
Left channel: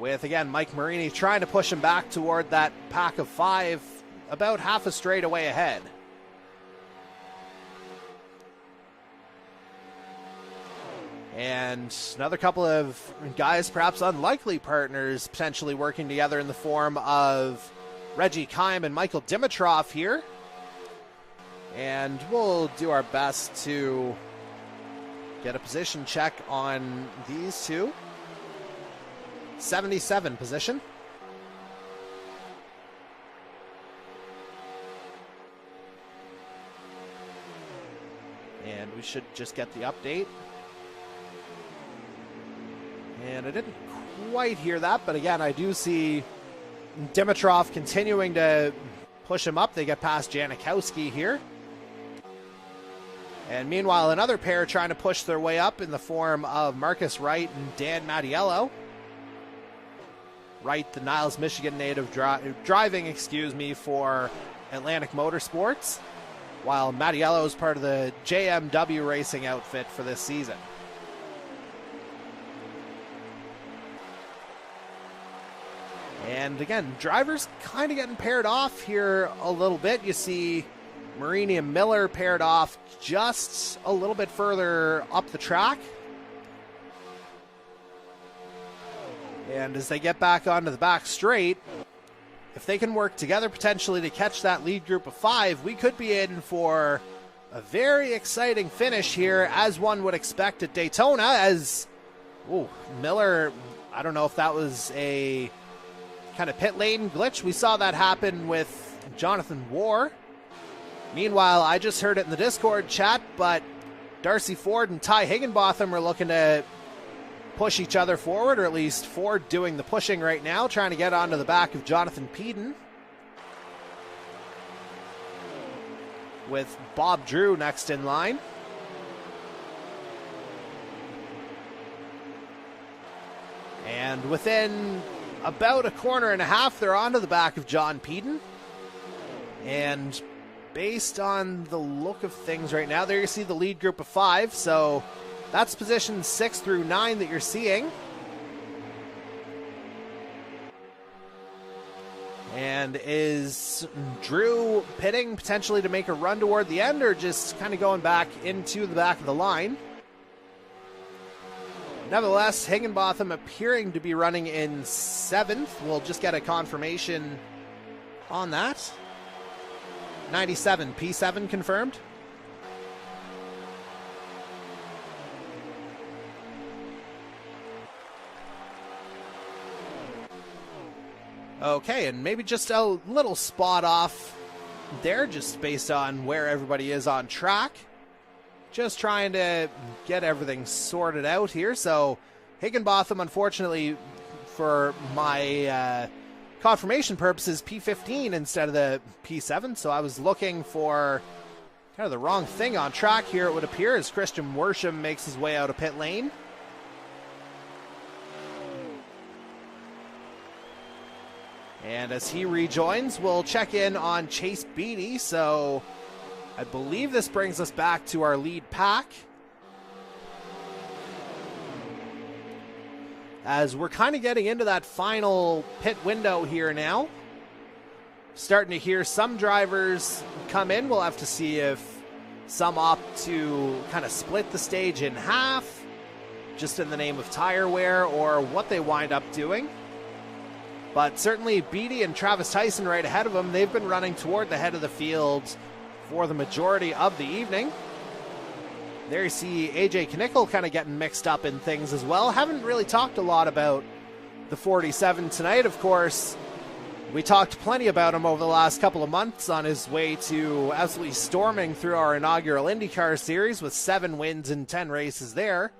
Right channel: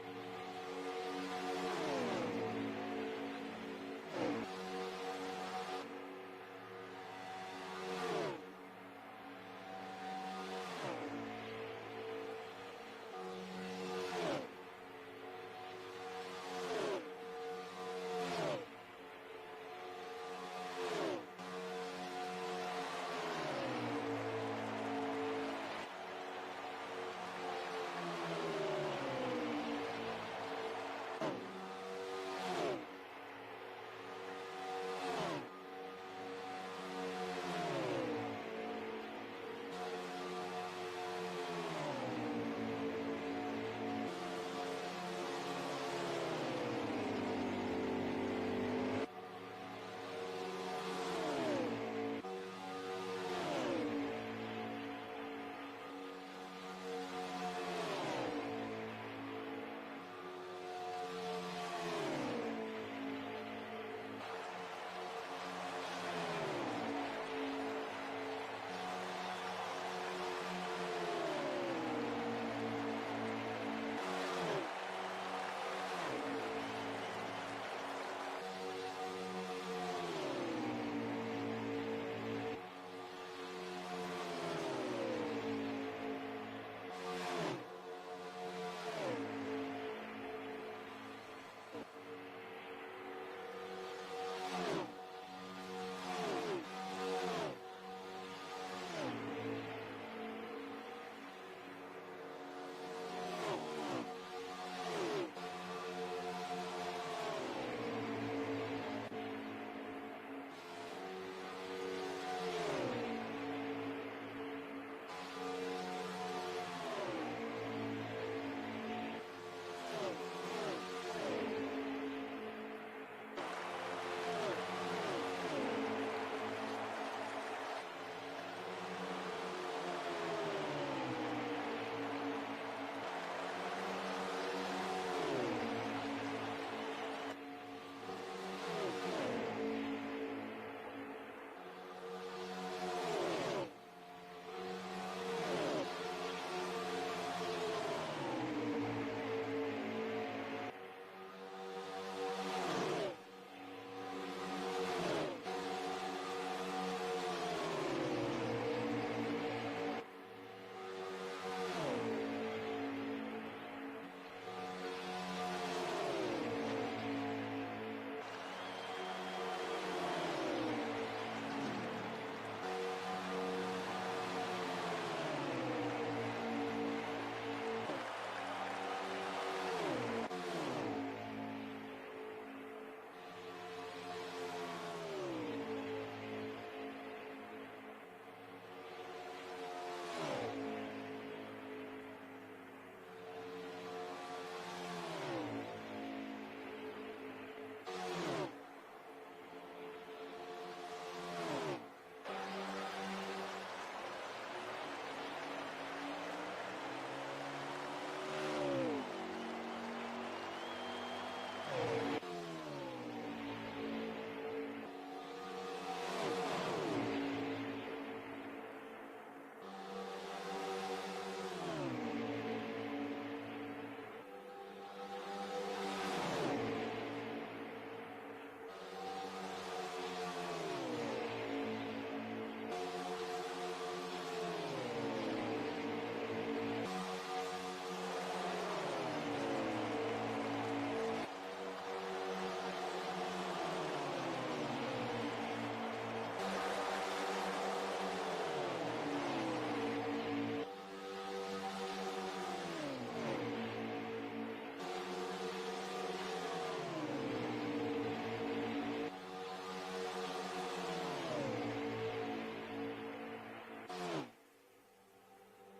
With, again, Mike Marini trying to push him back toward that pack of 5, about half a straightaway ahead. And another couple of guys, perhaps unlikely partners, potentially working together in the form of Reggie Kime and Michael Dimitrov here. And we'll do our best to get a position check on these two. 77 position. And we should just get the update. And I didn't quite hear that, but again, I do see Dimitrov continuing to push him up. They get past Janikowski here. And meanwhile, another pair trying to push their way up in the form of Marcus Wright and Dan Mattiello. Wright, the Niles, Michigan native, driving for Atlantic Motorsports, while Mattiello is part of the JMW racing outfit for this season. And again, drivers kind of getting paired off here a little bit. You see Marini and Miller paired off just a little bit further up the track. And as they get back onto the back straight, if they can work together potentially to catch that lead group of 5, we could be in for a very exciting finish here, as one would expect at Daytona, as Miller, I don't know if that was a kind of pit lane glitch. We saw that happen with Jonathan Warr. Meanwhile, I just heard it in the Discord chat, but Darcy Ford and Ty Higginbotham are looking to push each other forward, or at least Ford doing the pushing right now, trying to get onto the back of Jonathan Peden, with Bob Drew next in line. And within about a corner and a half, they're onto the back of John Peden. And based on the look of things right now, there you see the lead group of 5, so that's positions 6 through 9 that you're seeing. And is Drew pitting potentially to make a run toward the end, or just kind of going back into the back of the line? Nevertheless, Higginbotham appearing to be running in 7th. We'll just get a confirmation on that. 97, P7 confirmed. Okay, and maybe just a little spot off there, just based on where everybody is on track. Just trying to get everything sorted out here. So Higginbotham, unfortunately, for my confirmation purposes, P15 instead of the P7. So I was looking for kind of the wrong thing on track here, it would appear, as Christian Worsham makes his way out of pit lane. And as he rejoins, we'll check in on Chase Beatty. So I believe this brings us back to our lead pack, as we're kind of getting into that final pit window here now. Starting to hear some drivers come in. We'll have to see if some opt to kind of split the stage in half, just in the name of tire wear, or what they wind up doing. But certainly Beatty and Travis Tyson right ahead of them. They've been running toward the head of the field for the majority of the evening. There you see AJ Knickel kind of getting mixed up in things as well. Haven't really talked a lot about the 47 tonight. Of course, we talked plenty about him over the last couple of months on his way to absolutely storming through our inaugural IndyCar series with 7 wins in 10 races there.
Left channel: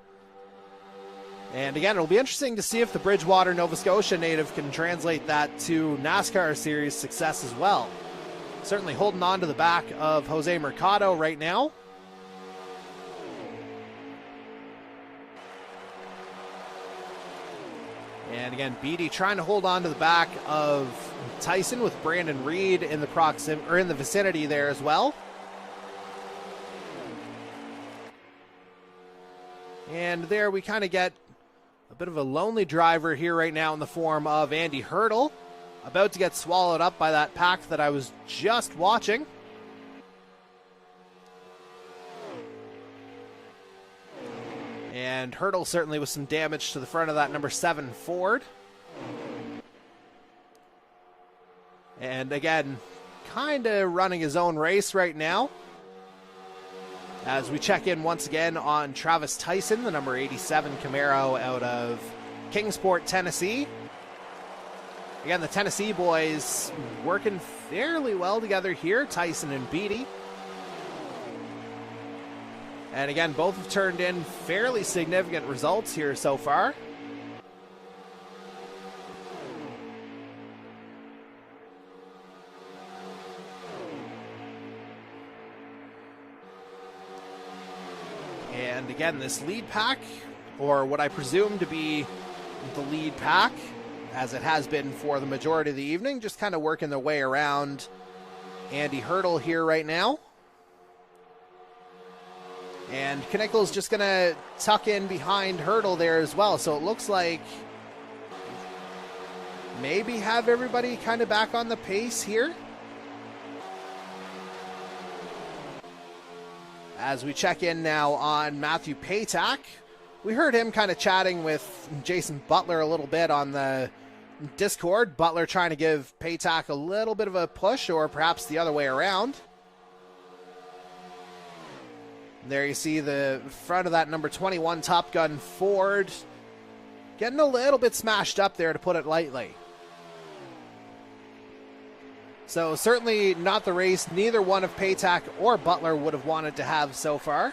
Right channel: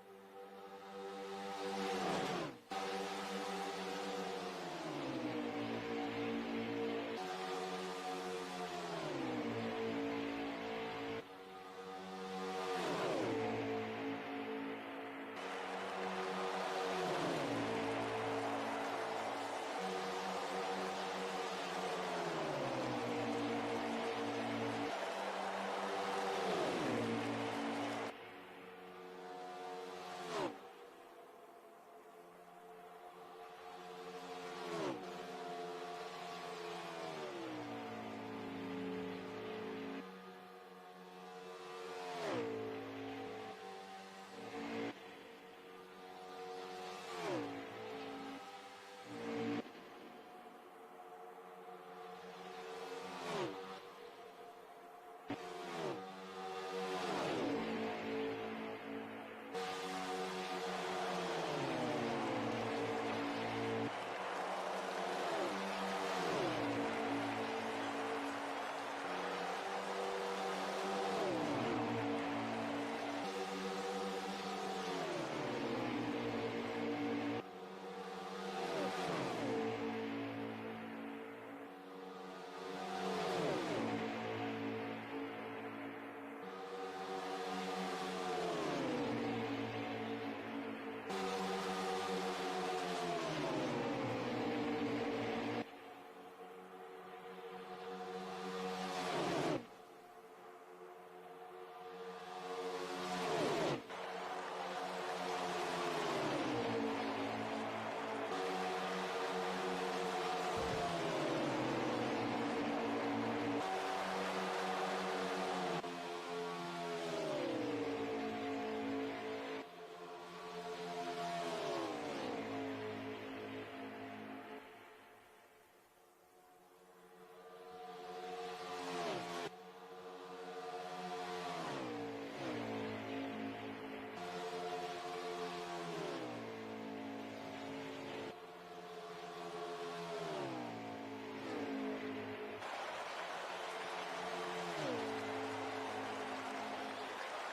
And again, it'll be interesting to see if the Bridgewater, Nova Scotia native can translate that to NASCAR series success as well. Certainly holding on to the back of Jose Mercado right now. And again, Beatty trying to hold on to the back of Tyson, with Brandon Reed in the in the vicinity there as well. And there we kind of get a bit of a lonely driver here right now in the form of Andy Hurdle, about to get swallowed up by that pack that I was just watching. And Hurdle certainly with some damage to the front of that number 7 Ford. And again, kind of running his own race right now. As we check in once again on Travis Tyson, the number 87 Camaro out of Kingsport, Tennessee. Again, the Tennessee boys working fairly well together here, Tyson and Beatty. And again, both have turned in fairly significant results here so far. And again, this lead pack, or what I presume to be the lead pack, as it has been for the majority of the evening, just kind of working their way around Andy Hurdle here right now. And Knickel's just going to tuck in behind Hurdle there as well. So it looks like maybe have everybody kind of back on the pace here. As we check in now on Matthew Paytak. We heard him kind of chatting with Jason Butler a little bit on the Discord. Butler trying to give Paytak a little bit of a push, or perhaps the other way around. There you see the front of that number 21 Top Gun Ford getting a little bit smashed up there, to put it lightly. So certainly not the race neither one of Paytak or Butler would have wanted to have so far.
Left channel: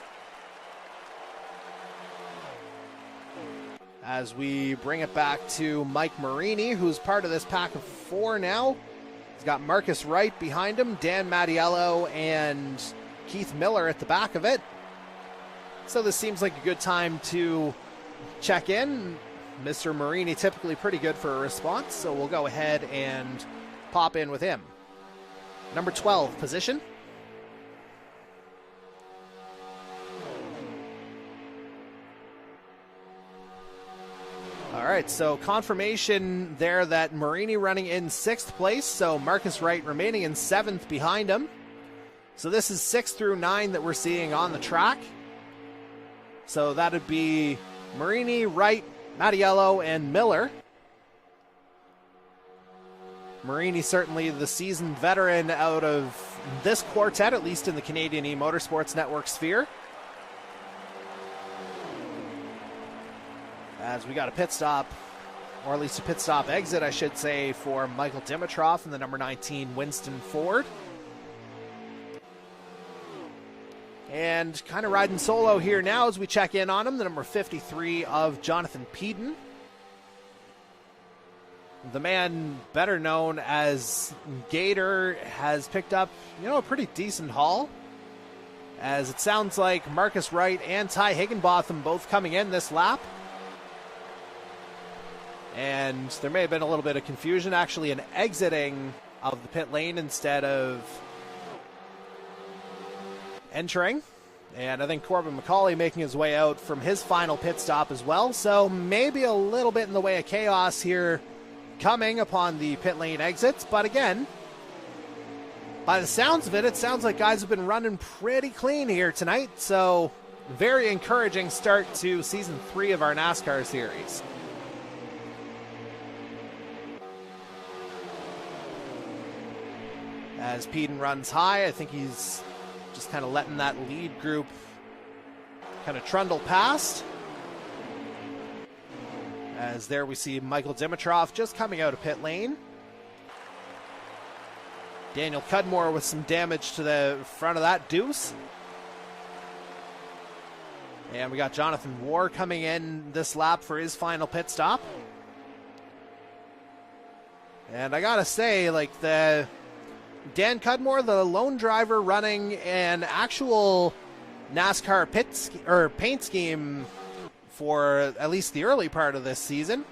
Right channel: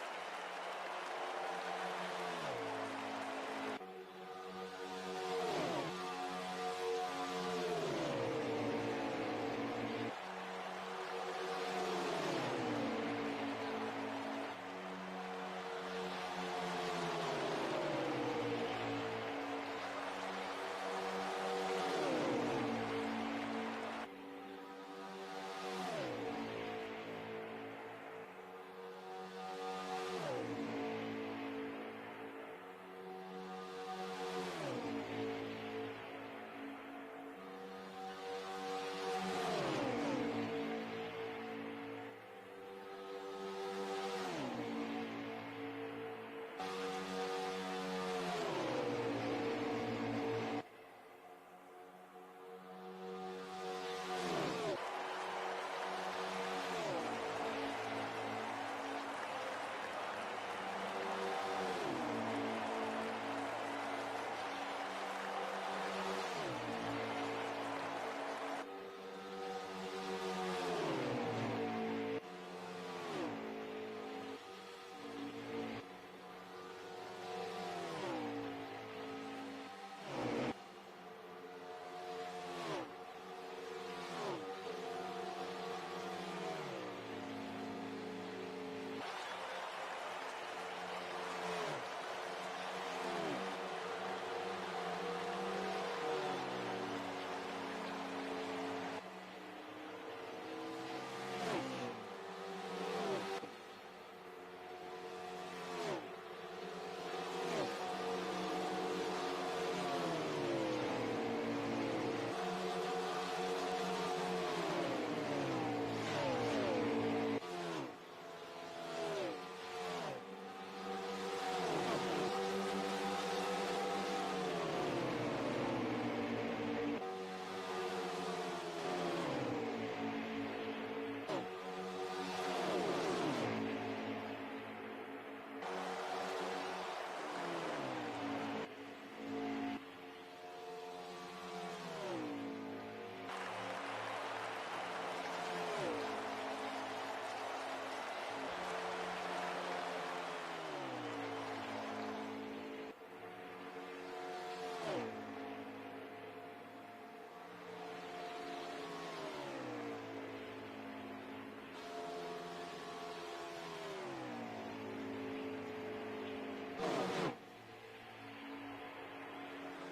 As we bring it back to Mike Marini, who's part of this pack of 4 now. He's got Marcus Wright behind him, Dan Mattiello and Keith Miller at the back of it. So this seems like a good time to check in. Mr. Marini typically pretty good for a response, so we'll go ahead and pop in with him. Number 12 position. All right, so confirmation there that Marini running in 6th place, so Marcus Wright remaining in 7th behind him. So this is 6 through 9 that we're seeing on the track. So that would be Marini, Wright, Mattiello, and Miller. Marini certainly the seasoned veteran out of this quartet, at least in the Canadian eMotorsports Network sphere. As we got a pit stop, or at least a pit stop exit, I should say, for Michael Dimitrov in the number 19 Winston Ford. And kind of riding solo here now as we check in on him, the number 53 of Jonathan Peden. The man better known as Gator has picked up, a pretty decent haul. As it sounds like Marcus Wright and Ty Higginbotham both coming in this lap. And there may have been a little bit of confusion, actually an exiting of the pit lane instead of entering. And I think Corbin McCauley making his way out from his final pit stop as well. So maybe a little bit in the way of chaos here coming upon the pit lane exits. But again, by the sounds of it, it sounds like guys have been running pretty clean here tonight. So very encouraging start to season 3 of our NASCAR series. As Peden runs high, I think he's just kind of letting that lead group kind of trundle past. As there we see Michael Dimitrov just coming out of pit lane. Daniel Cudmore with some damage to the front of that deuce. And we got Jonathan Moore coming in this lap for his final pit stop. And I gotta say, like, the Dan Cudmore, the lone driver running an actual NASCAR paint scheme for at least the early part of this season.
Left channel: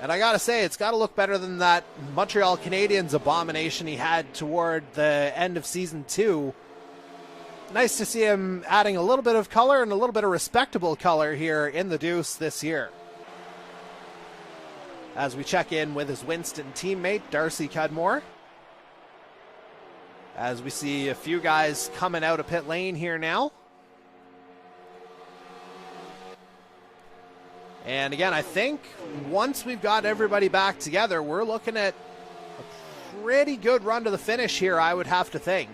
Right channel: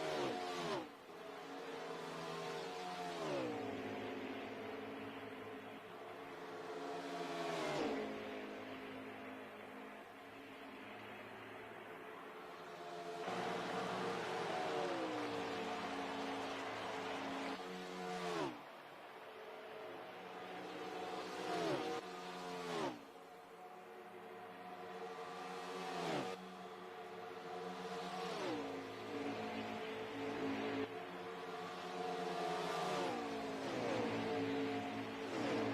And I gotta say, it's gotta look better than that Montreal Canadiens abomination he had toward the end of season 2. nice to see him adding a little bit of color and a little bit of respectable color here in the Deuce this year. As we check in with his Winston teammate, Darcy Cudmore. As we see a few guys coming out of pit lane here now. And again, I think once we've got everybody back together, we're looking at a pretty good run to the finish here, I would have to think.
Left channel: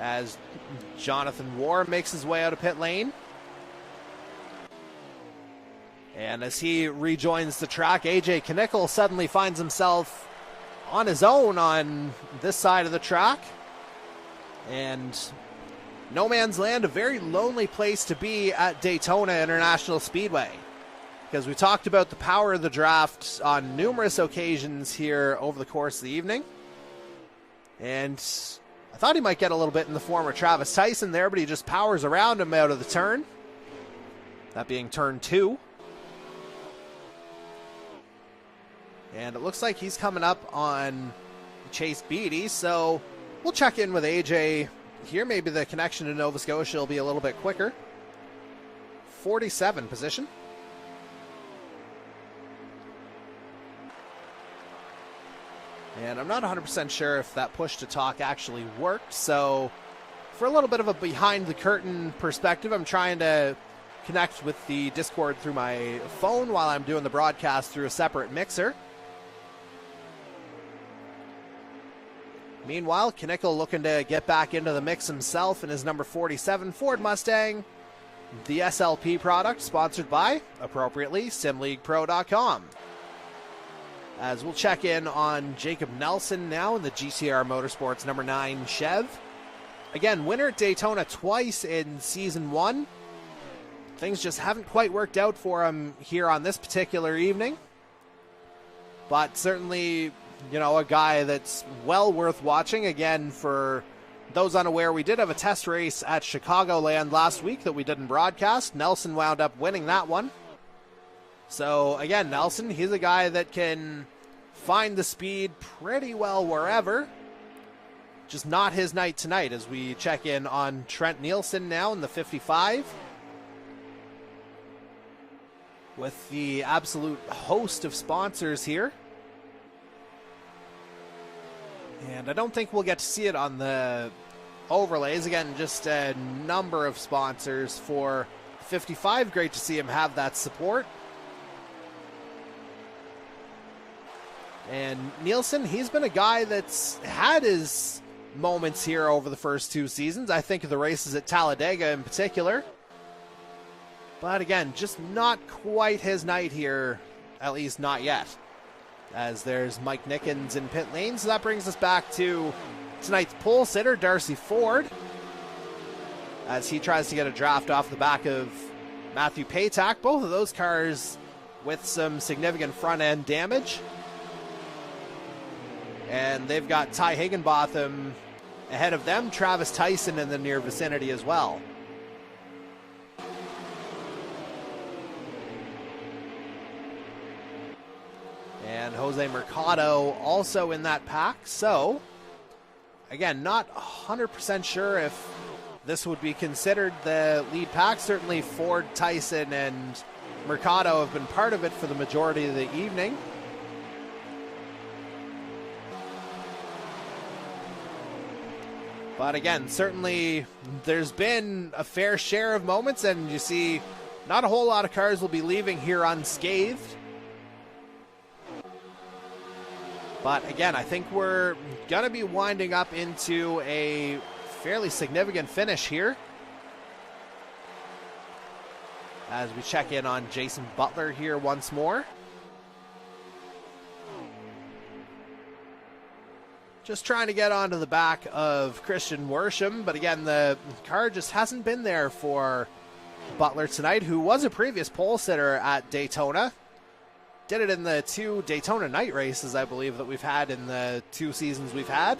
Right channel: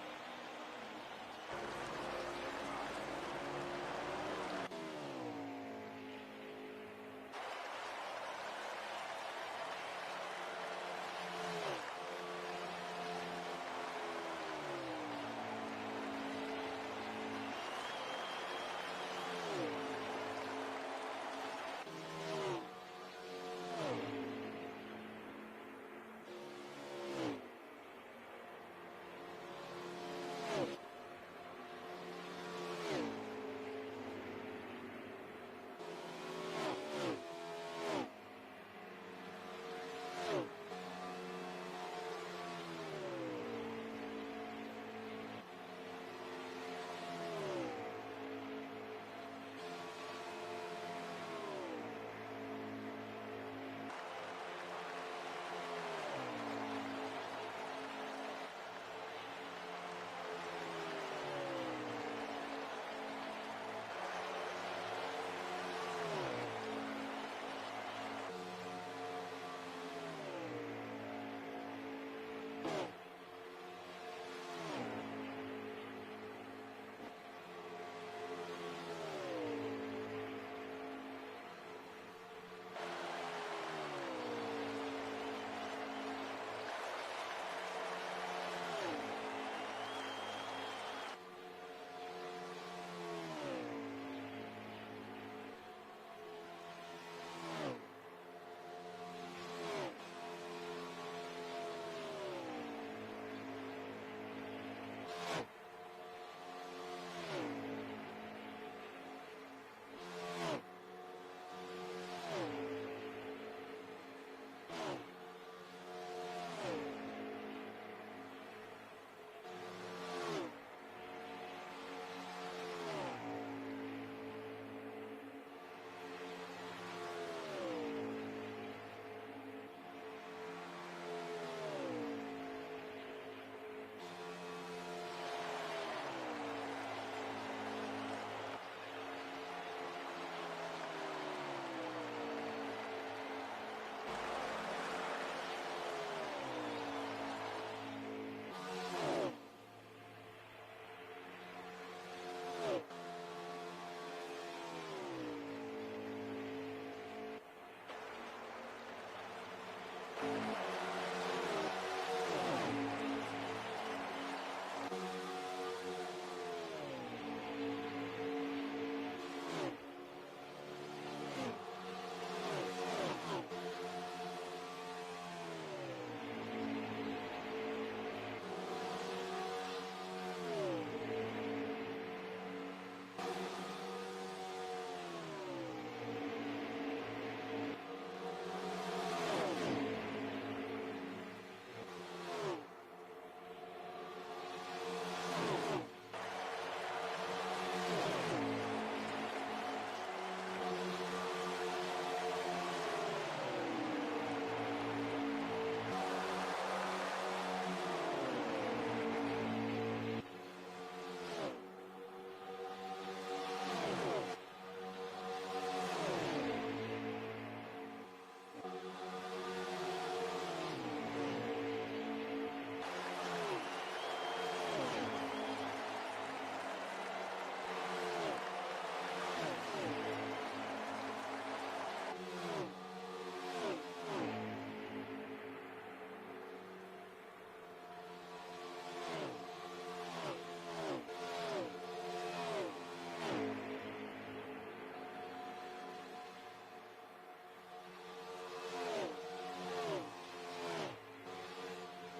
As Jonathan Ward makes his way out of pit lane. And as he rejoins the track, AJ Knickel suddenly finds himself on his own on this side of the track. And no man's land, a very lonely place to be at Daytona International Speedway. Because we talked about the power of the draft on numerous occasions here over the course of the evening. And I thought he might get a little bit in the form of Travis Tyson there, but he just powers around him out of the turn. That being turn 2. And it looks like he's coming up on Chase Beatty, so we'll check in with AJ here. Maybe the connection to Nova Scotia will be a little bit quicker. 47 position. And I'm not 100% sure if that push to talk actually worked, so for a little bit of a behind the curtain perspective, I'm trying to connect with the Discord through my phone while I'm doing the broadcast through a separate mixer. Meanwhile, Knickel looking to get back into the mix himself in his number 47 Ford Mustang, the SLP product, sponsored by, appropriately, SimLeaguePro.com. As we'll check in on Jacob Nelson now in the GTR Motorsports number 9 Chev. Again, winner at Daytona twice in Season 1. Things just haven't quite worked out for him here on this particular evening. But certainly, you know, a guy that's well worth watching. Again, for those unaware, we did have a test race at Chicagoland last week that we didn't broadcast. Nelson wound up winning that one. So again, Nelson, he's a guy that can find the speed pretty well wherever. Just not his night tonight, as we check in on Trent Nielsen now in the 55. With the absolute host of sponsors here. And I don't think we'll get to see it on the overlays. Again, just a number of sponsors for 55. Great to see him have that support. And Nielsen, he's been a guy that's had his moments here over the first 2 seasons. I think of the races at Talladega in particular. But again, just not quite his night here, at least not yet. As there's Mike Nickens in pit lane. So that brings us back to tonight's pole sitter, Darcy Ford, as he tries to get a draft off the back of Matthew Paytak. Both of those cars with some significant front end damage. And they've got Ty Higginbotham ahead of them, Travis Tyson in the near vicinity as well. And Jose Mercado also in that pack. So, again, not 100% sure if this would be considered the lead pack. Certainly Ford, Tyson, and Mercado have been part of it for the majority of the evening. But again, certainly there's been a fair share of moments, and you see not a whole lot of cars will be leaving here unscathed. But again, I think we're going to be winding up into a fairly significant finish here. As we check in on Jason Butler here once more. Just trying to get onto the back of Christian Worsham, but again, the car just hasn't been there for Butler tonight, who was a previous pole sitter at Daytona. Did it in the 2 Daytona night races, I believe, that we've had in the 2 seasons we've had.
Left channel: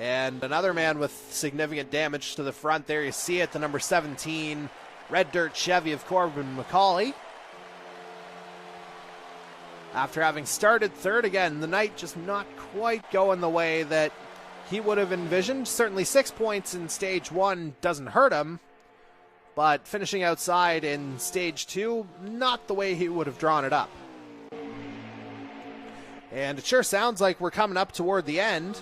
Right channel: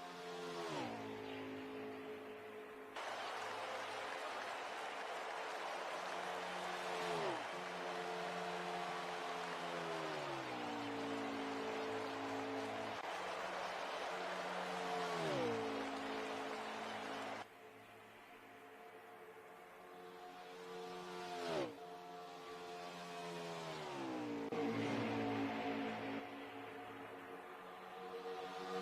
And another man with significant damage to the front there. You see it, the number 17 Red Dirt Chevy of Corbin McCauley. after having started third. Again, the night just not quite going the way that he would have envisioned. Certainly 6 points in stage 1 doesn't hurt him, but finishing outside in stage 2, not the way he would have drawn it up. And it sure sounds like we're coming up toward the end,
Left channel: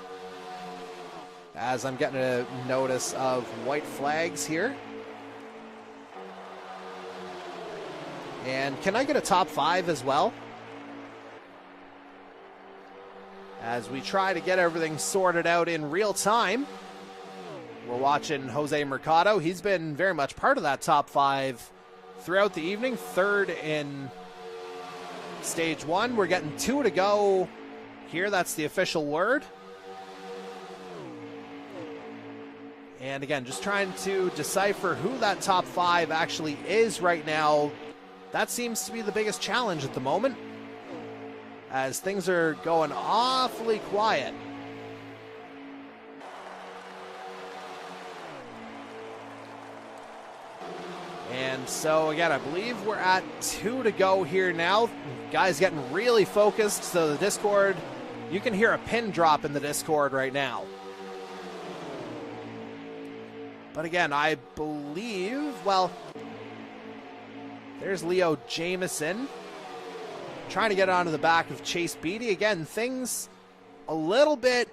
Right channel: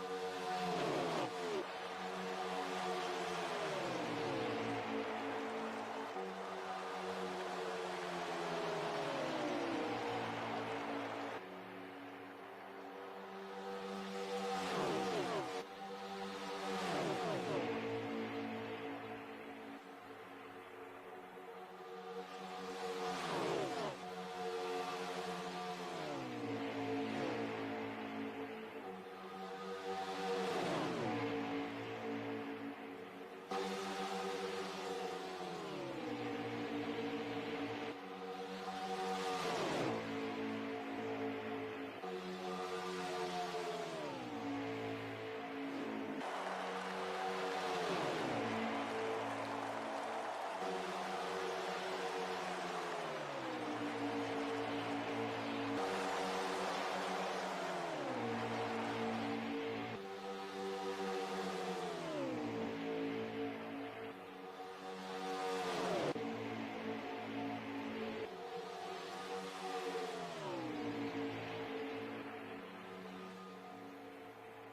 as I'm getting a notice of white flags here. And can I get a top 5 as well? As we try to get everything sorted out in real time. We're watching Jose Mercado. He's been very much part of that top 5 throughout the evening. Third in stage 1. We're getting 2 to go here. That's the official word. And again, just trying to decipher who that top 5 actually is right now. That seems to be the biggest challenge at the moment, as things are going awfully quiet. And so again, I believe we're at 2 to go here now. Guys getting really focused, so the Discord, you can hear a pin drop in the Discord right now. But again, I believe, well, there's Leo Jameson trying to get onto the back of Chase Beatty. Again, things a little bit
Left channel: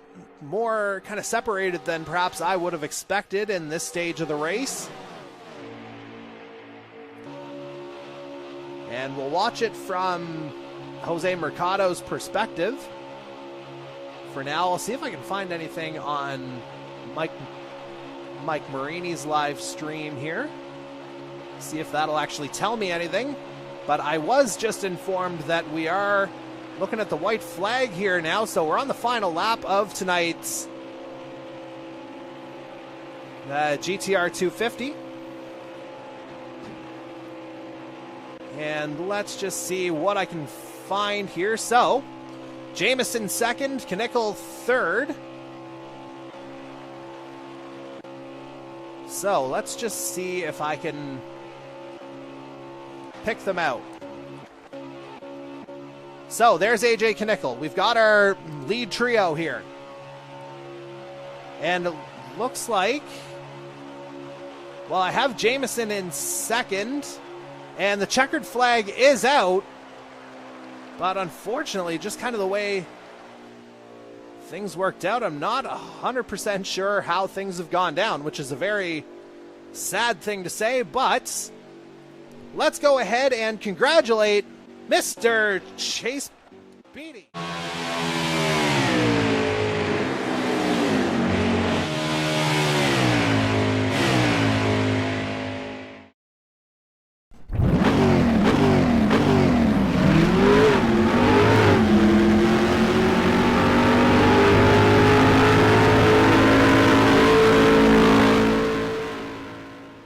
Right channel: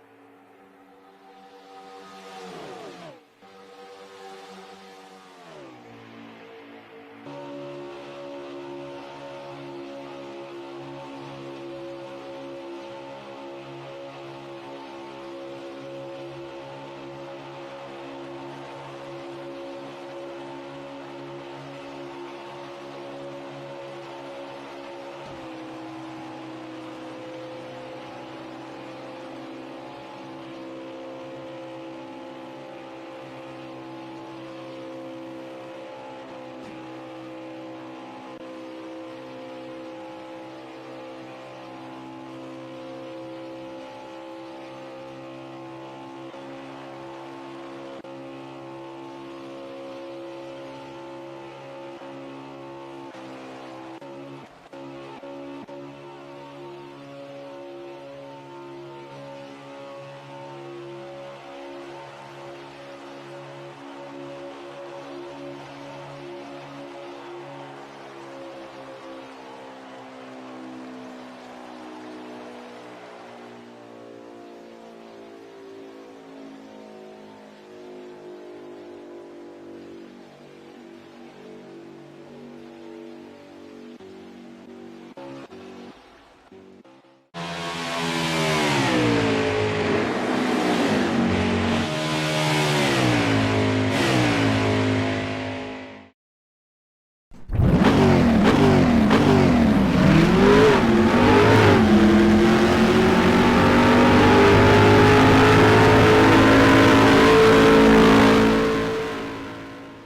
more kind of separated than perhaps I would have expected in this stage of the race. And we'll watch it from Jose Mercado's perspective. For now, I'll see if I can find anything on Mike Marini's live stream here. See if that'll actually tell me anything. But I was just informed that we are looking at the white flag here now, so we're on the final lap of tonight's GTR 250. And let's just see what I can find here. So, Jameson second, Knickel third. So let's just see if I can pick them out. So there's AJ Knickel. We've got our lead trio here. And it looks like, well, I have Jameson in second, and the checkered flag is out. But unfortunately, just kind of the way things worked out, I'm not 100% sure how things have gone down, which is a very sad thing to say, but let's go ahead and congratulate Mr. Chase Beatty.